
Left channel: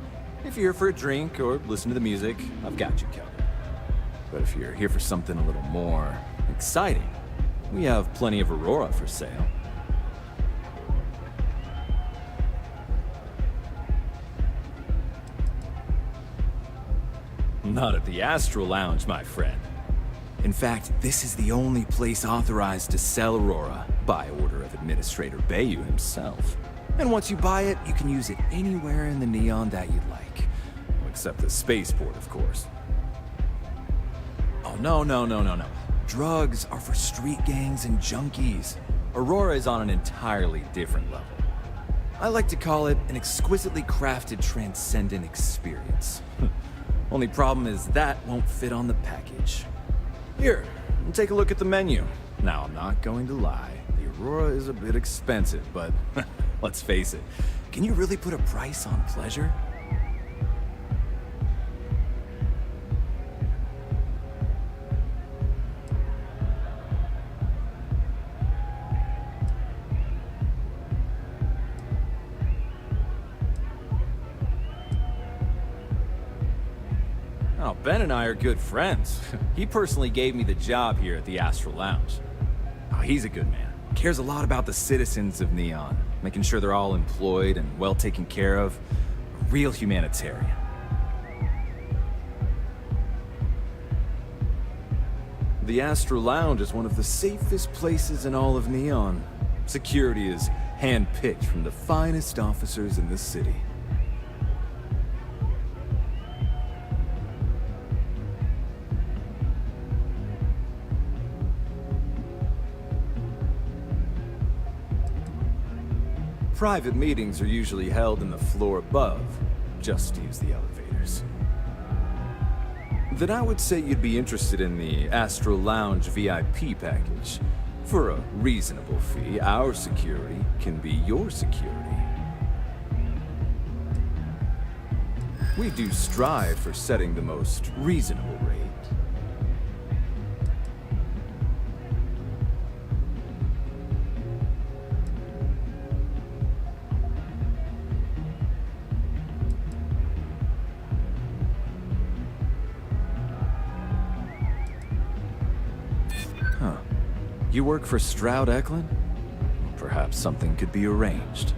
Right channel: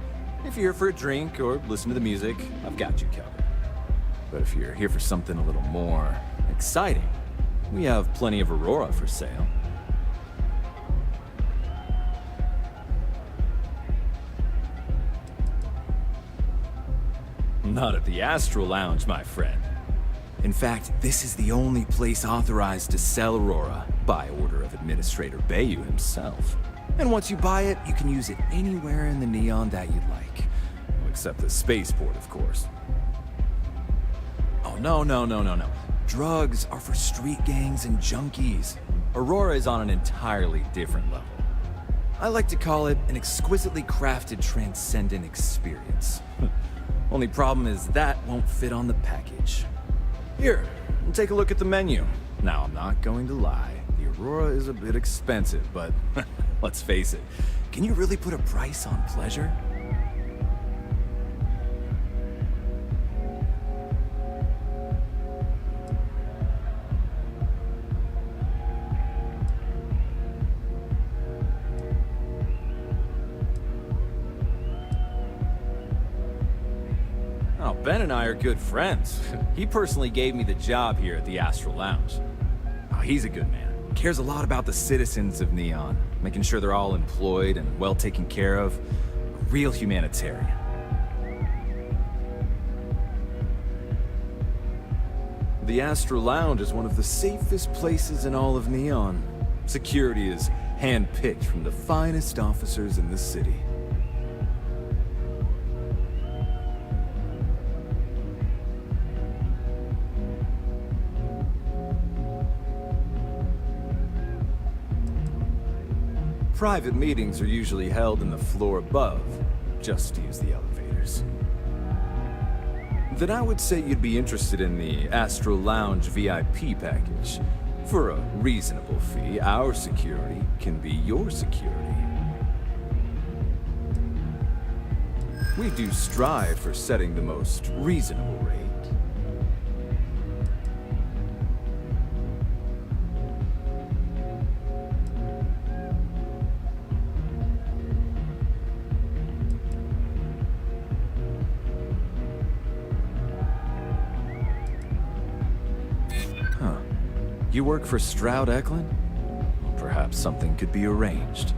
If you're here for a drink or listen to the music, I've got you covered. But if you're here for something a little more exciting, we have plenty of Aurora for sale. Not at the Astral Lounge, my friend. In fact, this is the only place authorized to sell Aurora by order of Administrator Bayou himself. And once you buy it, you can use it anywhere in the Neon that you'd like. Well, except the spaceport, of course. Oh, no. Drugs are for street gangs and junkies. Aurora is on an entirely different level. I like to call it an exquisitely crafted, transcendent experience. Only problem is that won't fit on the package. Here, take a look at the menu. Now, I'm not going to lie. The Aurora is a bit expensive, but let's face it. Can you really put a price on pleasure? Oh, Ben and I are good friends. He personally gave me the job here at the Astral Lounge. Oh, he's a good man. Cares a lot about the citizens of Neon, making sure they're all employed and well taken care of. A real humanitarian. The Astral Lounge is one of the safest places in all of Neon. Security is handpicked from the finest officers in the city. Private meetings are usually held in the floor above, just to use the elevators. Then I would say you'd be interested in the Astral Lounge VIP package. For a reasonable fee, our security can be your security. We do strive for setting the most reasonable rate. Huh. You work for Stroud Eklund? Well, perhaps something could be arranged.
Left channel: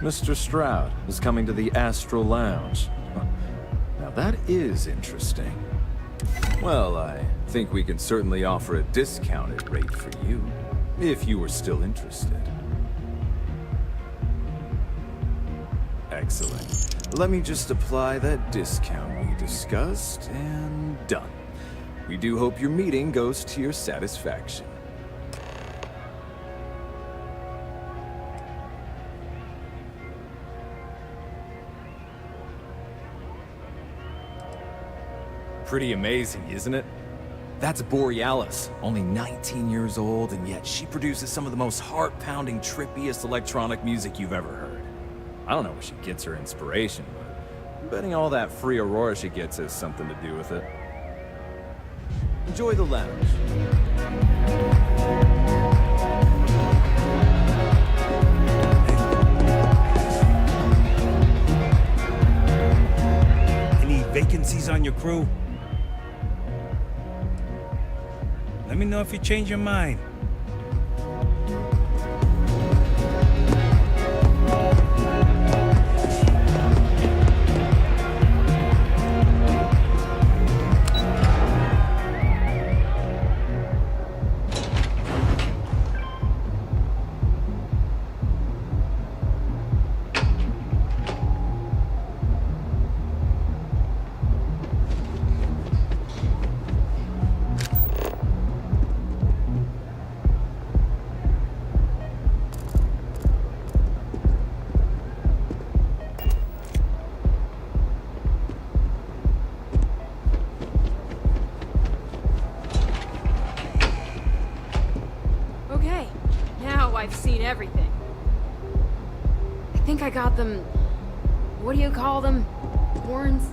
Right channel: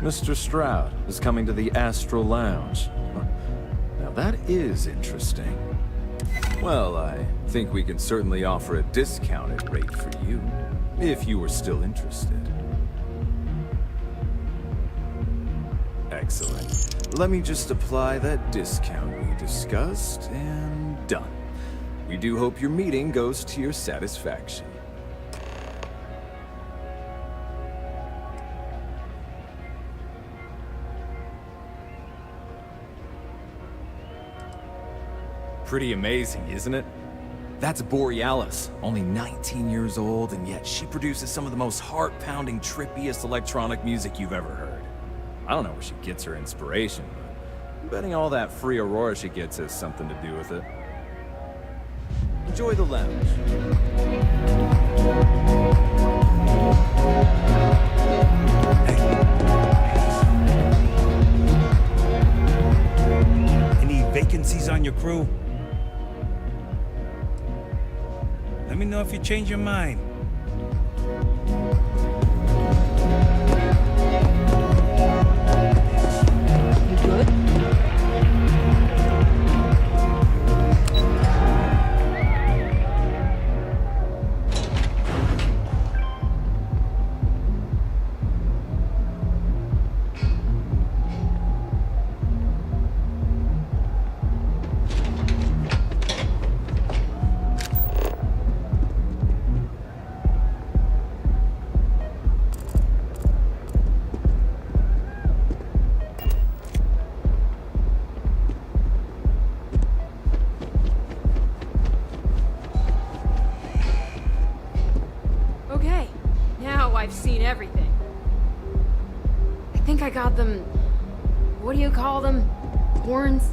Mr. Stroud is coming to the Astral Lounge. Huh. Now that is interesting. Well, I think we can certainly offer a discounted rate for you, if you were still interested. Excellent. Let me just apply that discount we discussed, and done. We do hope your meeting goes to your satisfaction. Pretty amazing, isn't it? That's Borealis, only 19 years old, and yet she produces some of the most heart-pounding, trippiest electronic music you've ever heard. I don't know where she gets her inspiration, but I'm betting all that free Aurora she gets has something to do with it. Enjoy the lounge. Any vacancies on your crew? Let me know if you change your mind. Now I've seen everything. I think I got them... What do you call them? Horns?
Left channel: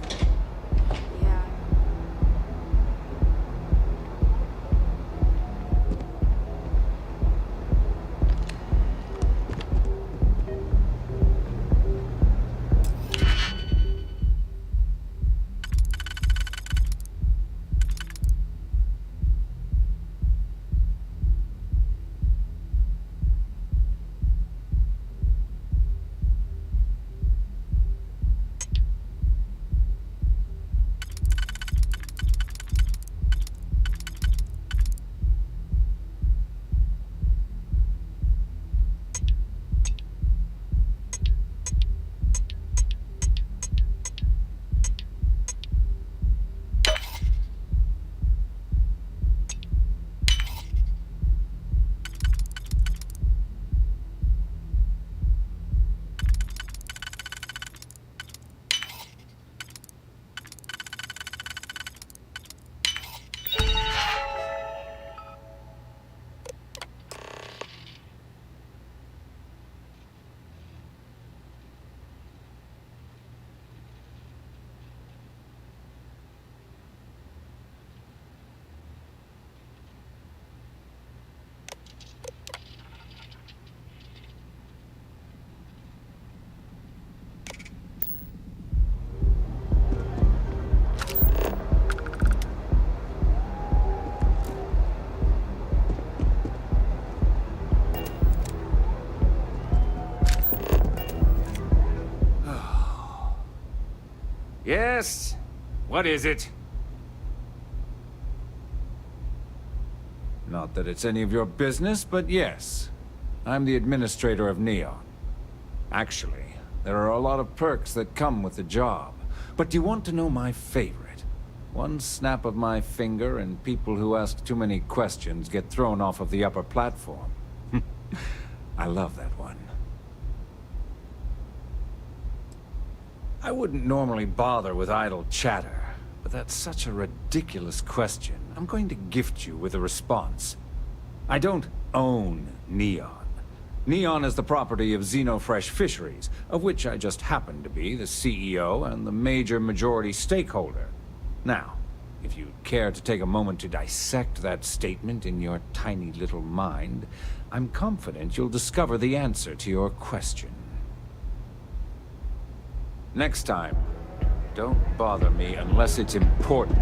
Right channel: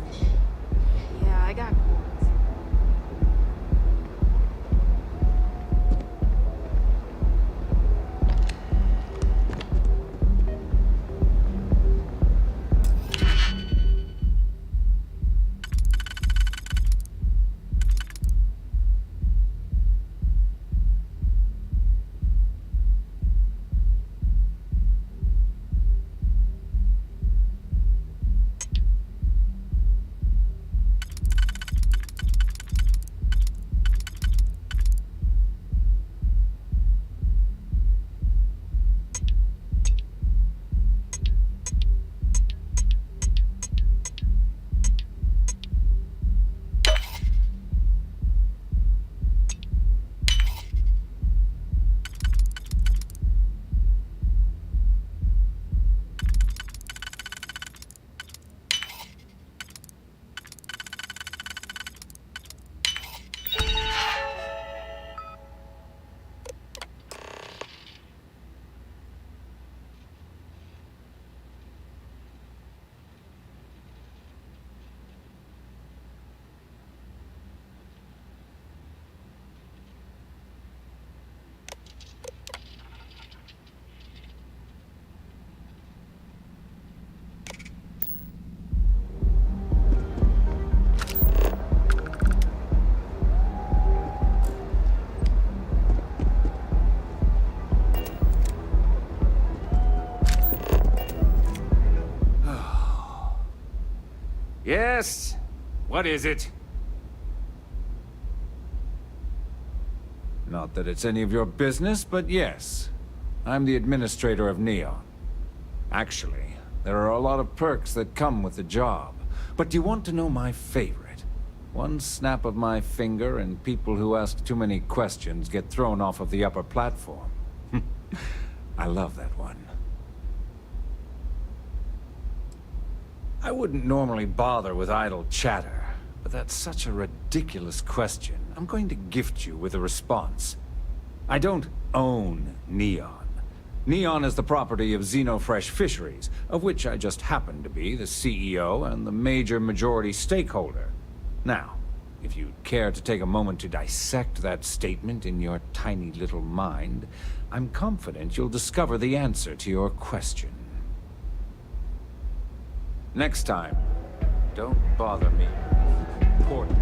Yeah, I got... Yes? What is it? Not that it's any of your business, but yes. I'm the administrator of Neon. Actually, there are a lot of perks that come with the job. But do you want to know my favorite? One snap of my finger and people who ask too many questions get thrown off of the upper platform. I love that one. I wouldn't normally bother with idle chatter, but that's such a ridiculous question. I'm going to gift you with a response. I don't own Neon. Neon is the property of Xenofresh Fisheries, of which I just happen to be the CEO and the major majority stakeholder. Now, if you'd care to take a moment to dissect that statement in your tiny little mind, I'm confident you'll discover the answer to your question. Next time, don't bother me unless it's important.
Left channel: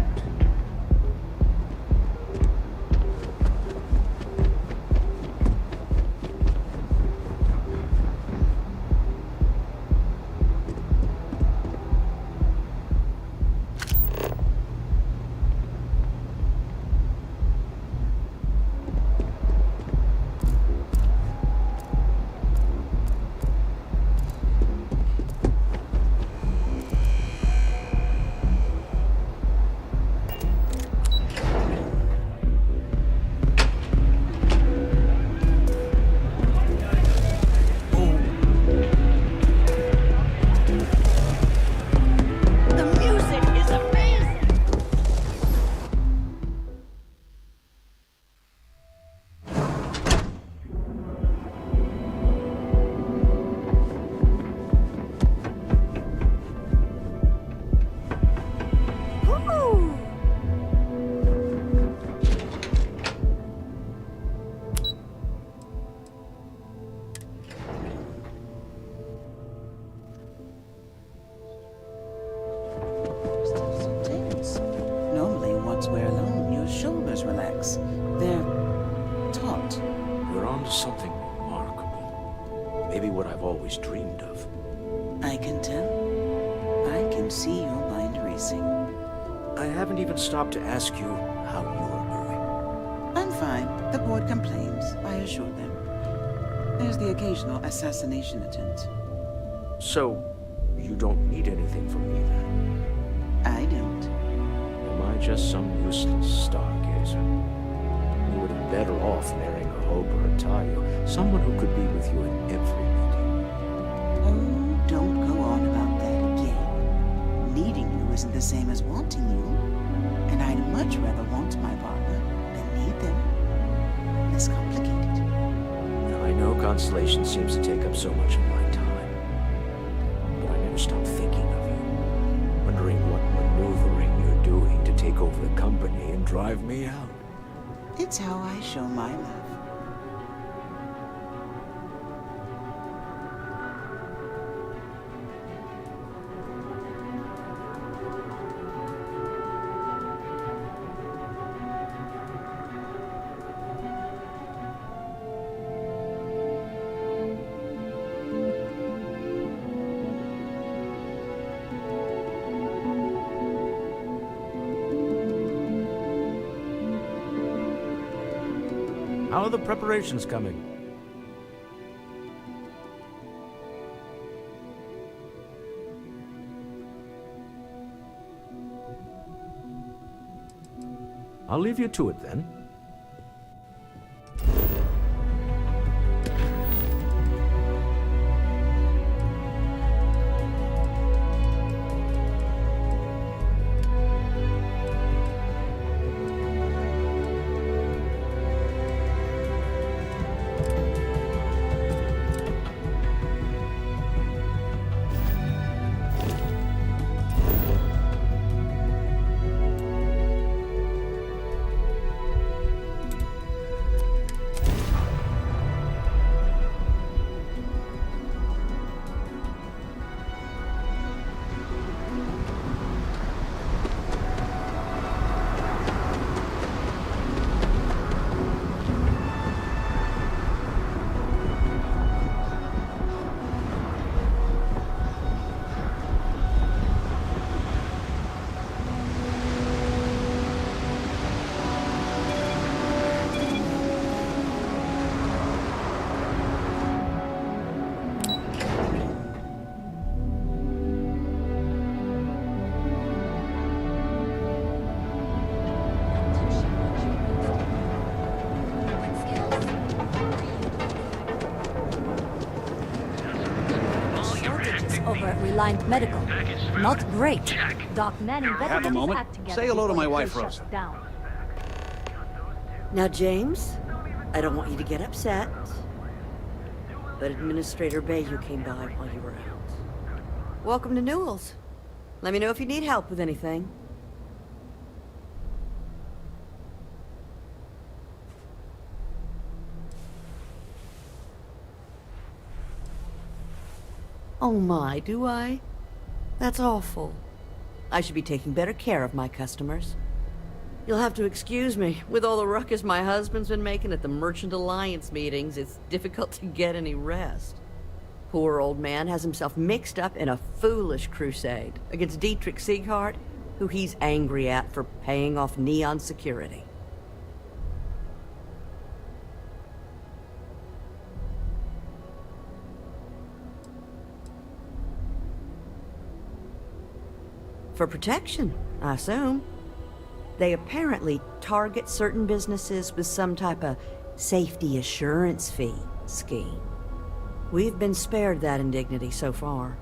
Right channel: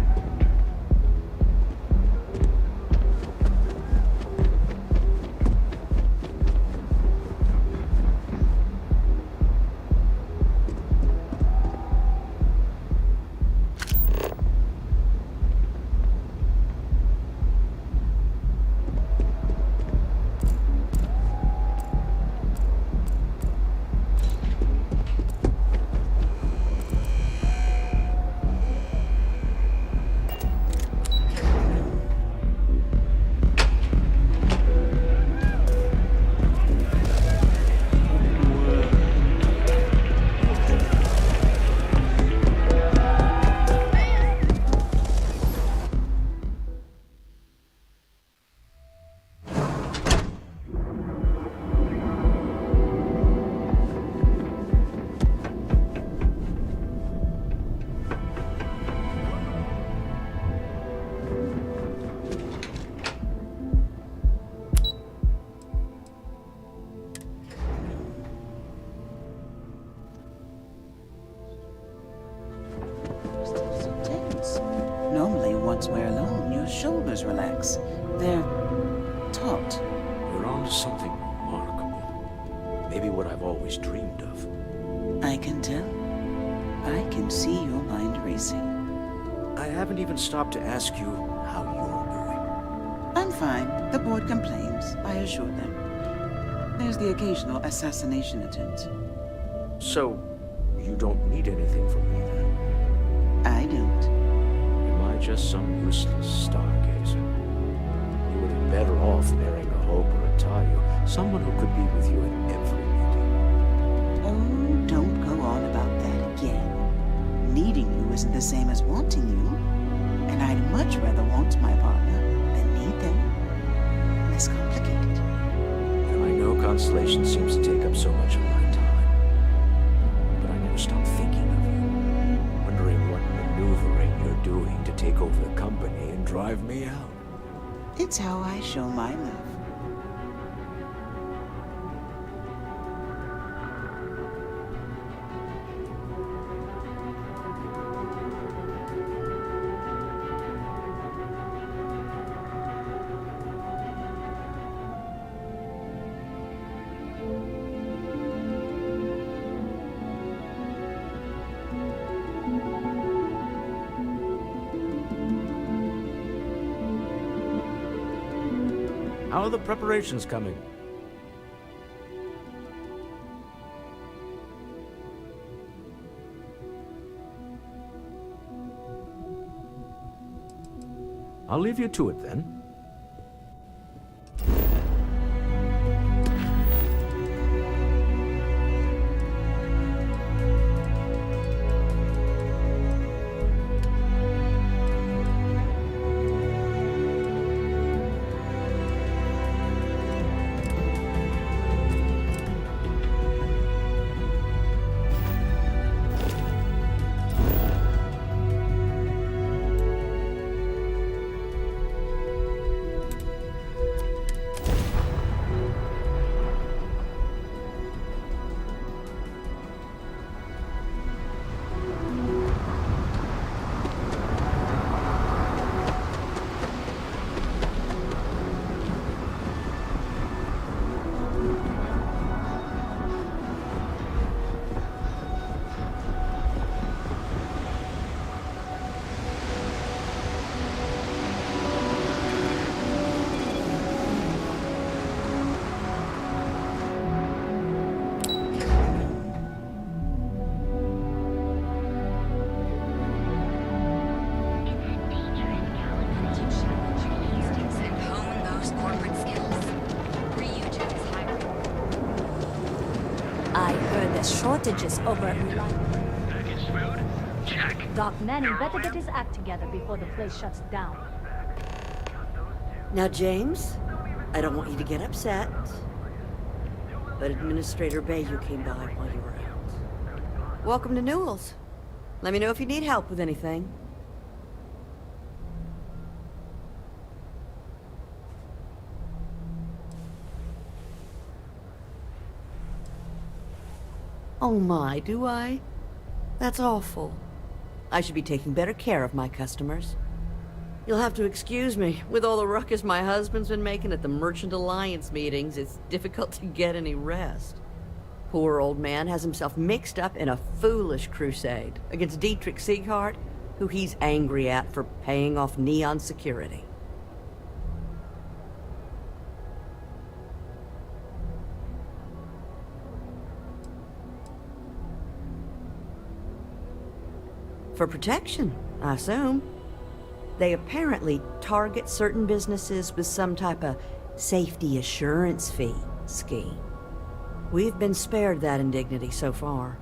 Normally, once we're alone, your shoulders relax. They're taut. You're onto something remarkable. Maybe what I've always dreamed of. I can tell. I can see your mind racing. I haven't even stopped to ask you how you're doing. I'm fine. The board complains, I assure them. There's the occasional assassination attempt. So, you don't need anything from me then? I don't. Am I just some useless stargazer? You would have been better off marrying a Hope or a Tayu, someone who could be with you at every meeting. Oh, don't go on about that again. Needing you isn't the same as wanting you. And I'd much rather want my partner than need them. Less complicated. I know constellation seems to take up so much of my time. But I never stop thinking of you, wondering what maneuvering you're doing to take over the company and drive me out. It's how I show my love. How are the preparations coming? I'll leave you to it then. Shortages over at Reliant Medical. Not great. Doc Manning better get his act together before the place shuts down. Now, James, I don't want you to get upset, but Administrator Bayou came by while you were out. Welcome to Newell's. Let me know if you need help with anything. Oh my, do I? That's awful. I should be taking better care of my customers. You'll have to excuse me. With all the ruckus my husband's been making at the Merchant Alliance meetings, it's difficult to get any rest. Poor old man has himself mixed up in a foolish crusade against Dietrich Sieghart, who he's angry at for paying off Neon security. For protection, I assume. They apparently target certain businesses with some type of safety assurance fee scheme. We've been spared that indignity so far,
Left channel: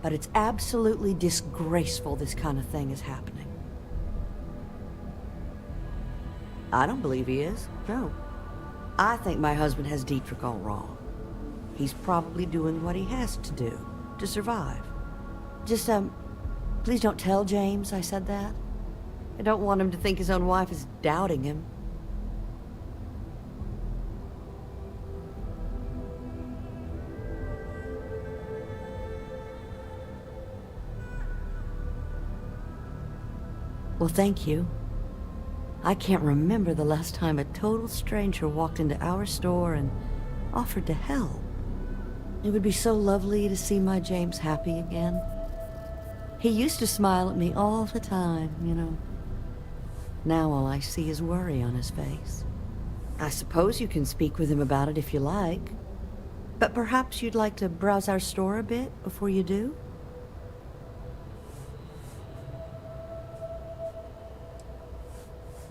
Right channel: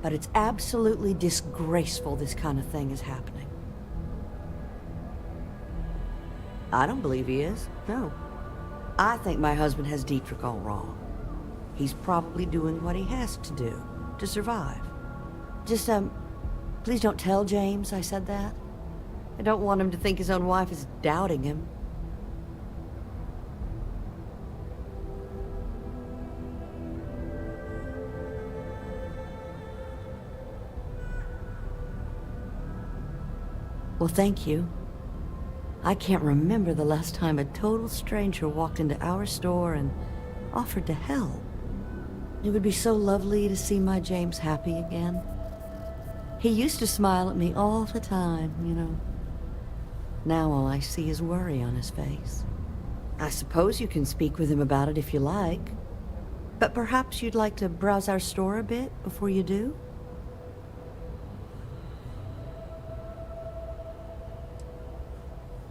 but it's absolutely disgraceful this kind of thing is happening. I don't believe he is, no. I think my husband has Dietrich all wrong. He's probably doing what he has to do to survive. Just, please don't tell James I said that. I don't want him to think his own wife is doubting him. Well, thank you. I can't remember the last time a total stranger walked into our store and offered to help. It would be so lovely to see my James happy again. He used to smile at me all the time, you know. Now all I see is worry on his face. I suppose you can speak with him about it if you like. But perhaps you'd like to browse our store a bit before you do?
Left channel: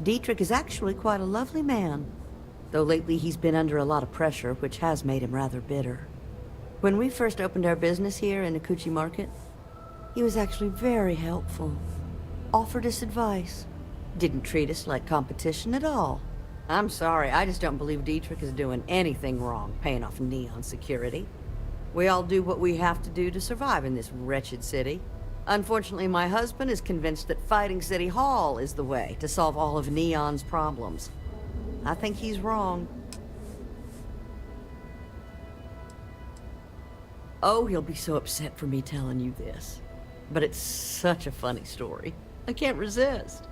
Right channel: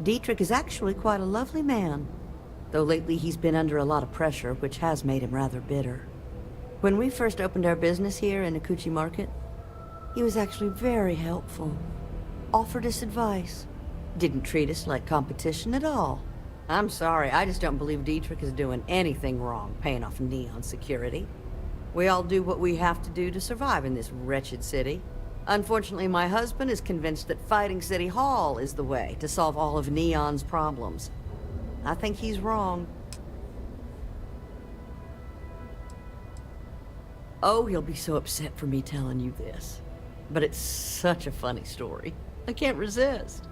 Dietrich is actually quite a lovely man, though lately he's been under a lot of pressure, which has made him rather bitter. When we first opened our business here in Akuchi Market, he was actually very helpful. Offered us advice. Didn't treat us like competition at all. I'm sorry, I just don't believe Dietrich is doing anything wrong paying off Neon security. We all do what we have to do to survive in this wretched city. Unfortunately, my husband is convinced that fighting City Hall is the way to solve all of Neon's problems. I think he's wrong. Oh, he'll be so upset for me telling you this. But it's such a funny story. I can't resist.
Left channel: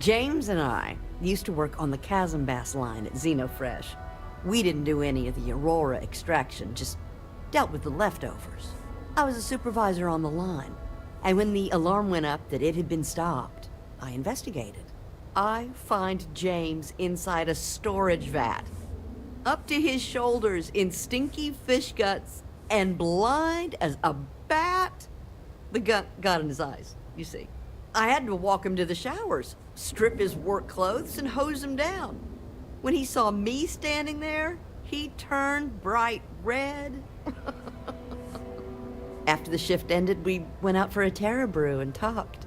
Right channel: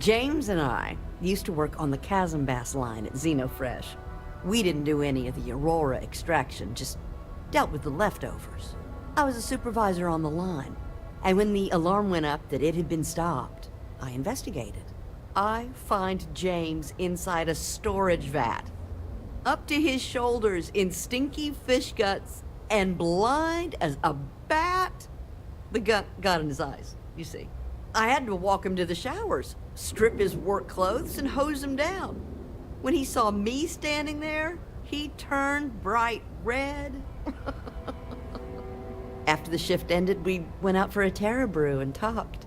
James and I used to work on the Chasm Bass line at Xenofresh. We didn't do any of the Aurora extraction, just dealt with the leftovers. I was a supervisor on the line, and when the alarm went up that it had been stopped, I investigated. I find James inside a storage vat, up to his shoulders in stinky fish guts, and blind as a bat. The gut got in his eyes, you see. I had to walk him to the showers, strip his work clothes, and hose him down. When he saw me standing there, he turned bright red. After the shift ended, we went out for a Terra brew and talked.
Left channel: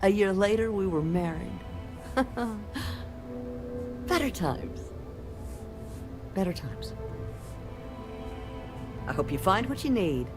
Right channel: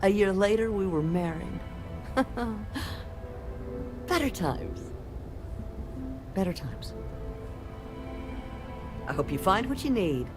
A year later, we were married. Better times. Better times. I hope you find what you need.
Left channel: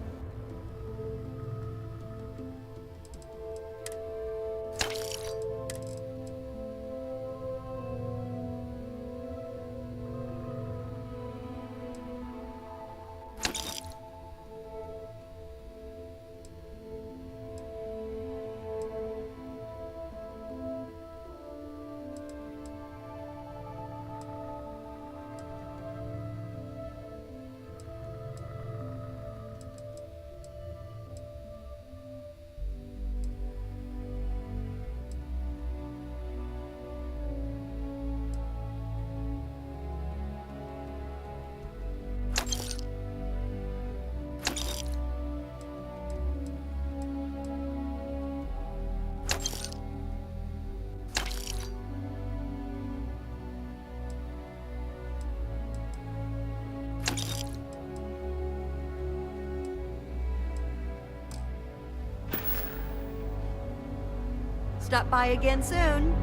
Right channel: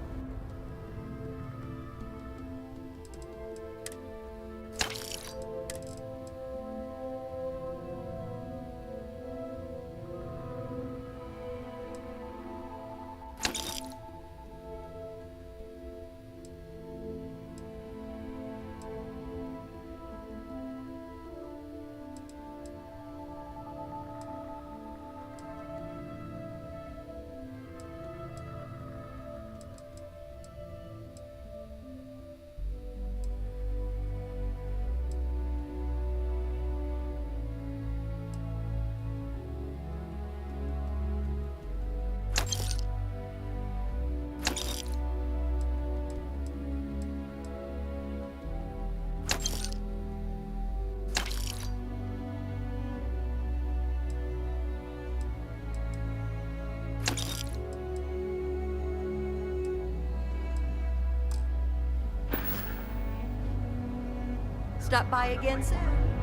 Stop by again soon.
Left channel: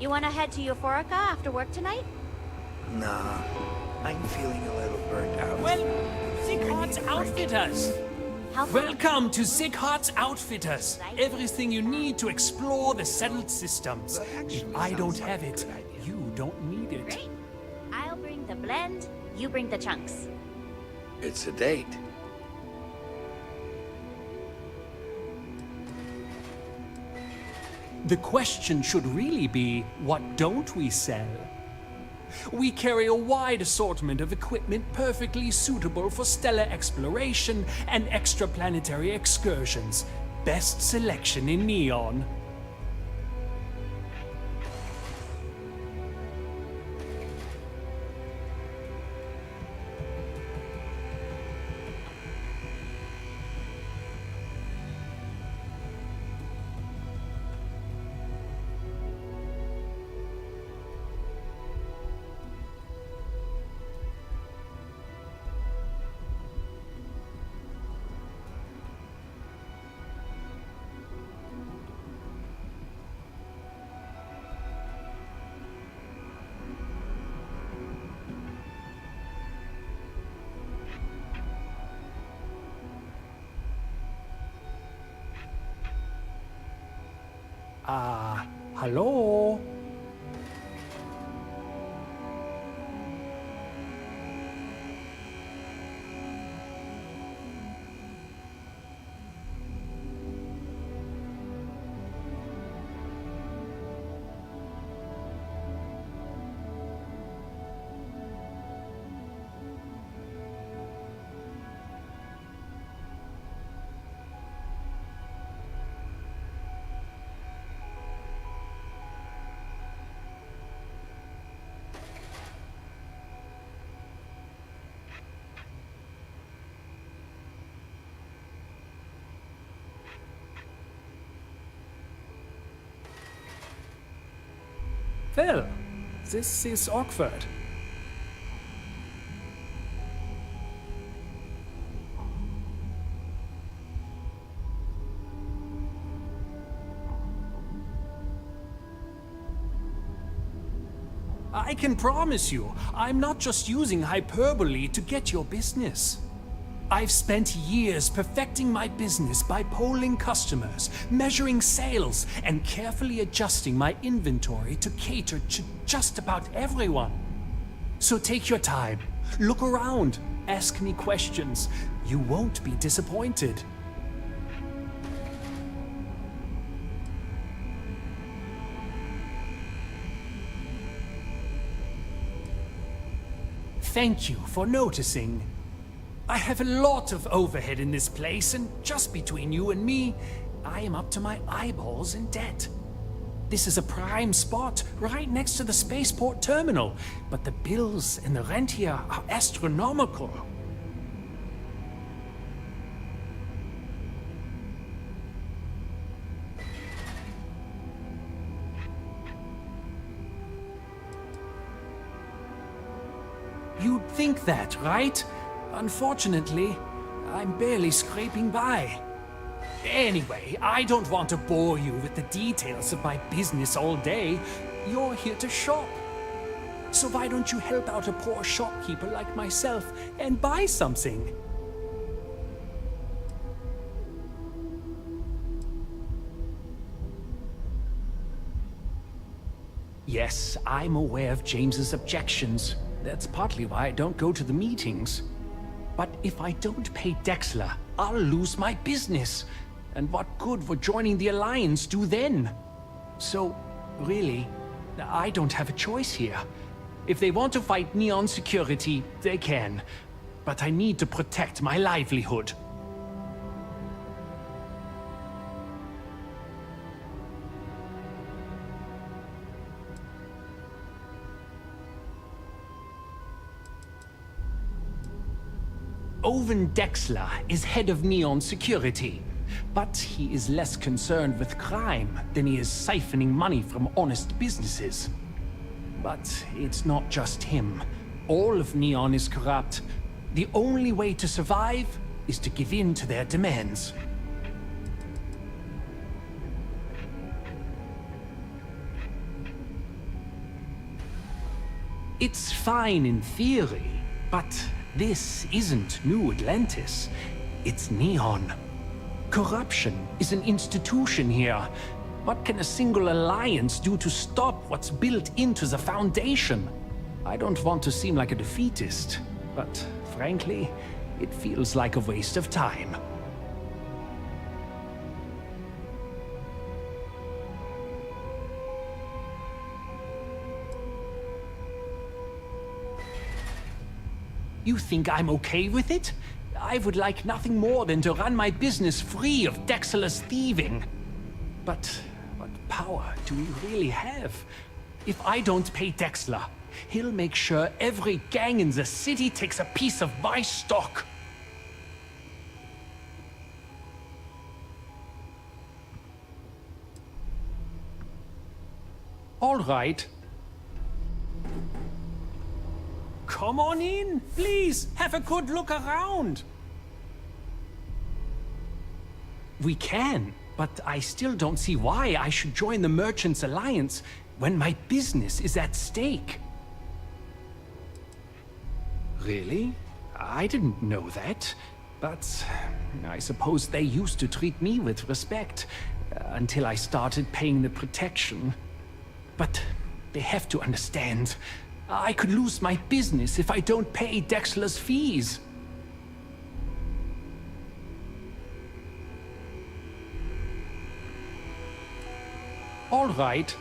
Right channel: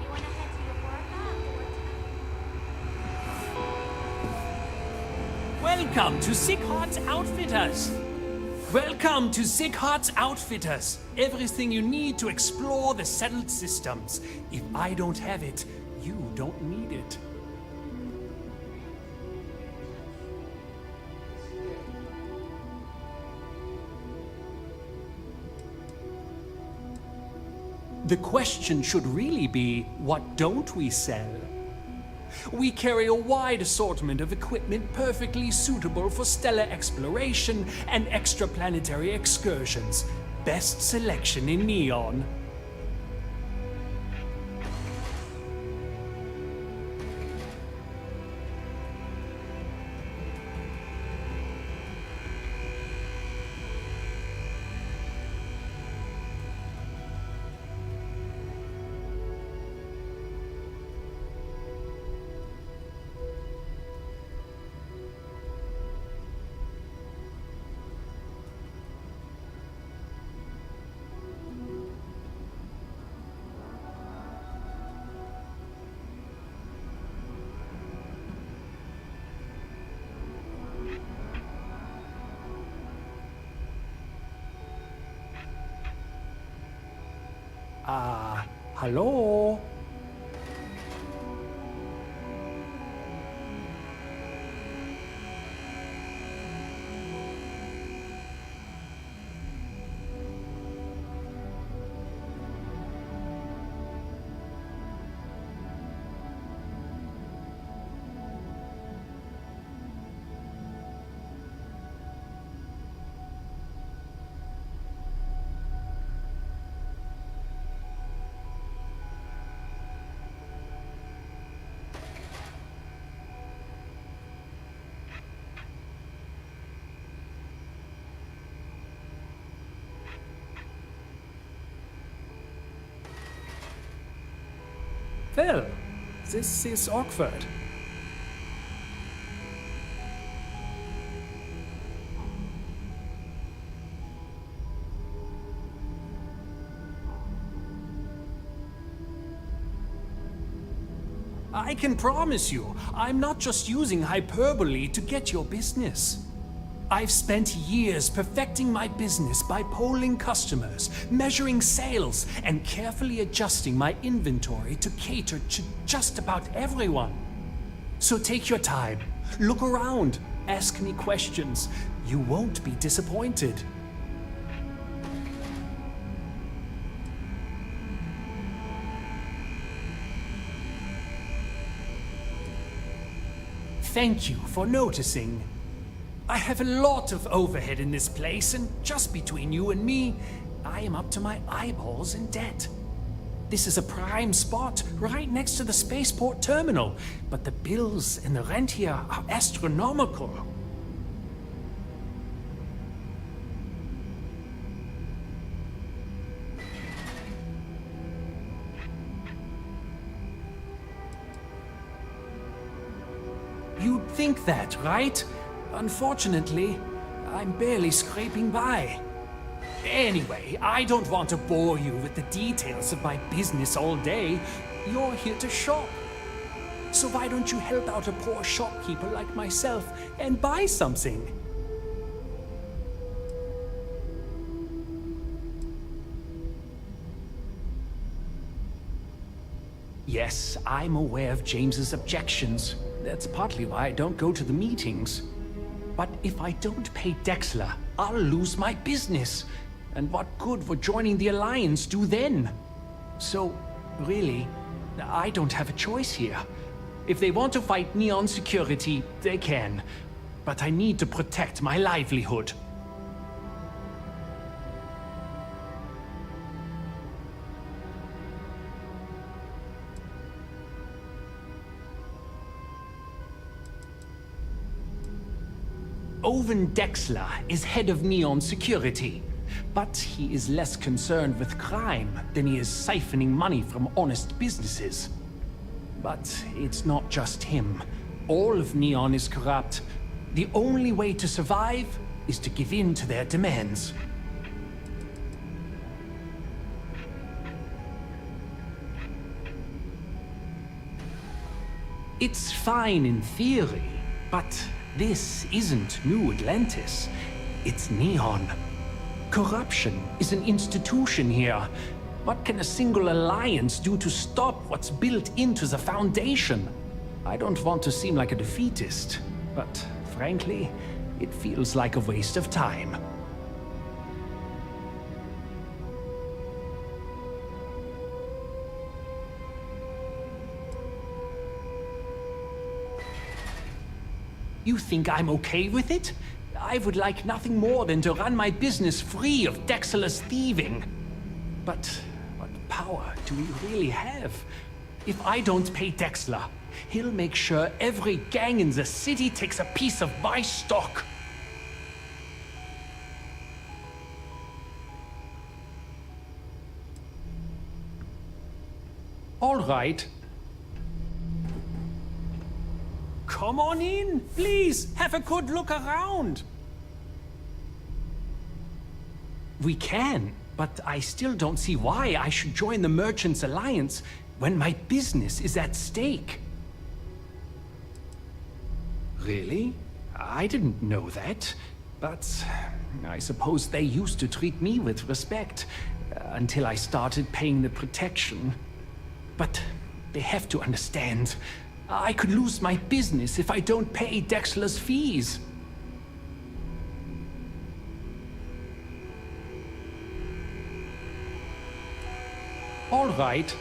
You want to head to Euphorica after work tonight? Nah, I'm feeling a little burnt out. Welcome to Sick Heart's Outfitters. Welcome to Sick Heart's Outfitters. Everything you need to explore the settled systems. If I don't have it, you don't need it. I'll bring the blend, you bring the chunks. It's a date. The question should really be, what don't we sell? We carry a wide assortment of equipment perfectly suitable for stellar exploration and extraplanetary excursions. Best selection in Neon. Hallo? Phil, this is awkward. I can promise you, I'm not just using hyperbole to get your business. I've spent years perfecting my business by polling customers, measuring sales, and carefully adjusting my inventory to cater to just about everyone. So take your time, look around, ask me questions. You won't be disappointed. Thank you for noticing. I have a lot of overhead in this place, and just between you and me, I am up to my eyeballs in debt. This is a prime spot, right next to the spaceport terminal, but the bills and the rent here are astronomical. You'd think that, right? Unfortunately, I'm barely scraping by. Anyway, I don't want to bore you with the details of my business all day. You're here to shop. So why don't you help out a poor shopkeeper like myself and buy something? Yes, I'm aware of James's objections. That's partly why I don't go to the meetings. But if I don't pay Dexler, I'll lose my business. And what good would joining the Alliance do then? So, really, I don't have a choice here. If they want to fight Neon Security, they can. But I need to protect my livelihood. Owen Dexler is head of Neon Security, but he is less concerned with crime than he is siphoning money from honest businesses. But it's not just him. All of Neon is corrupt. The only way to survive is to give in to their demands. It's fine in theory, but this isn't New Atlantis. It's Neon. Corruption is an institution here. What can a single alliance do to stop what's built into the foundation? I don't want to seem like a defeatist, but frankly, it feels like a waste of time. You think I'm okay with it? I would like nothing more than to run my business free of Dexler's thieving. But what power do we really have? If I don't pay Dexler, he'll make sure every gang in the city takes a piece of my stock. All right. Come on in, please. Have a good look around. We can, but I still don't see why I should join the Merchants Alliance when my business is at stake. Really? I didn't know that. But I suppose they used to treat me with respect until I started paying the protection. But they have to understand. I could lose my business if I don't pay Dexler's fees. All right,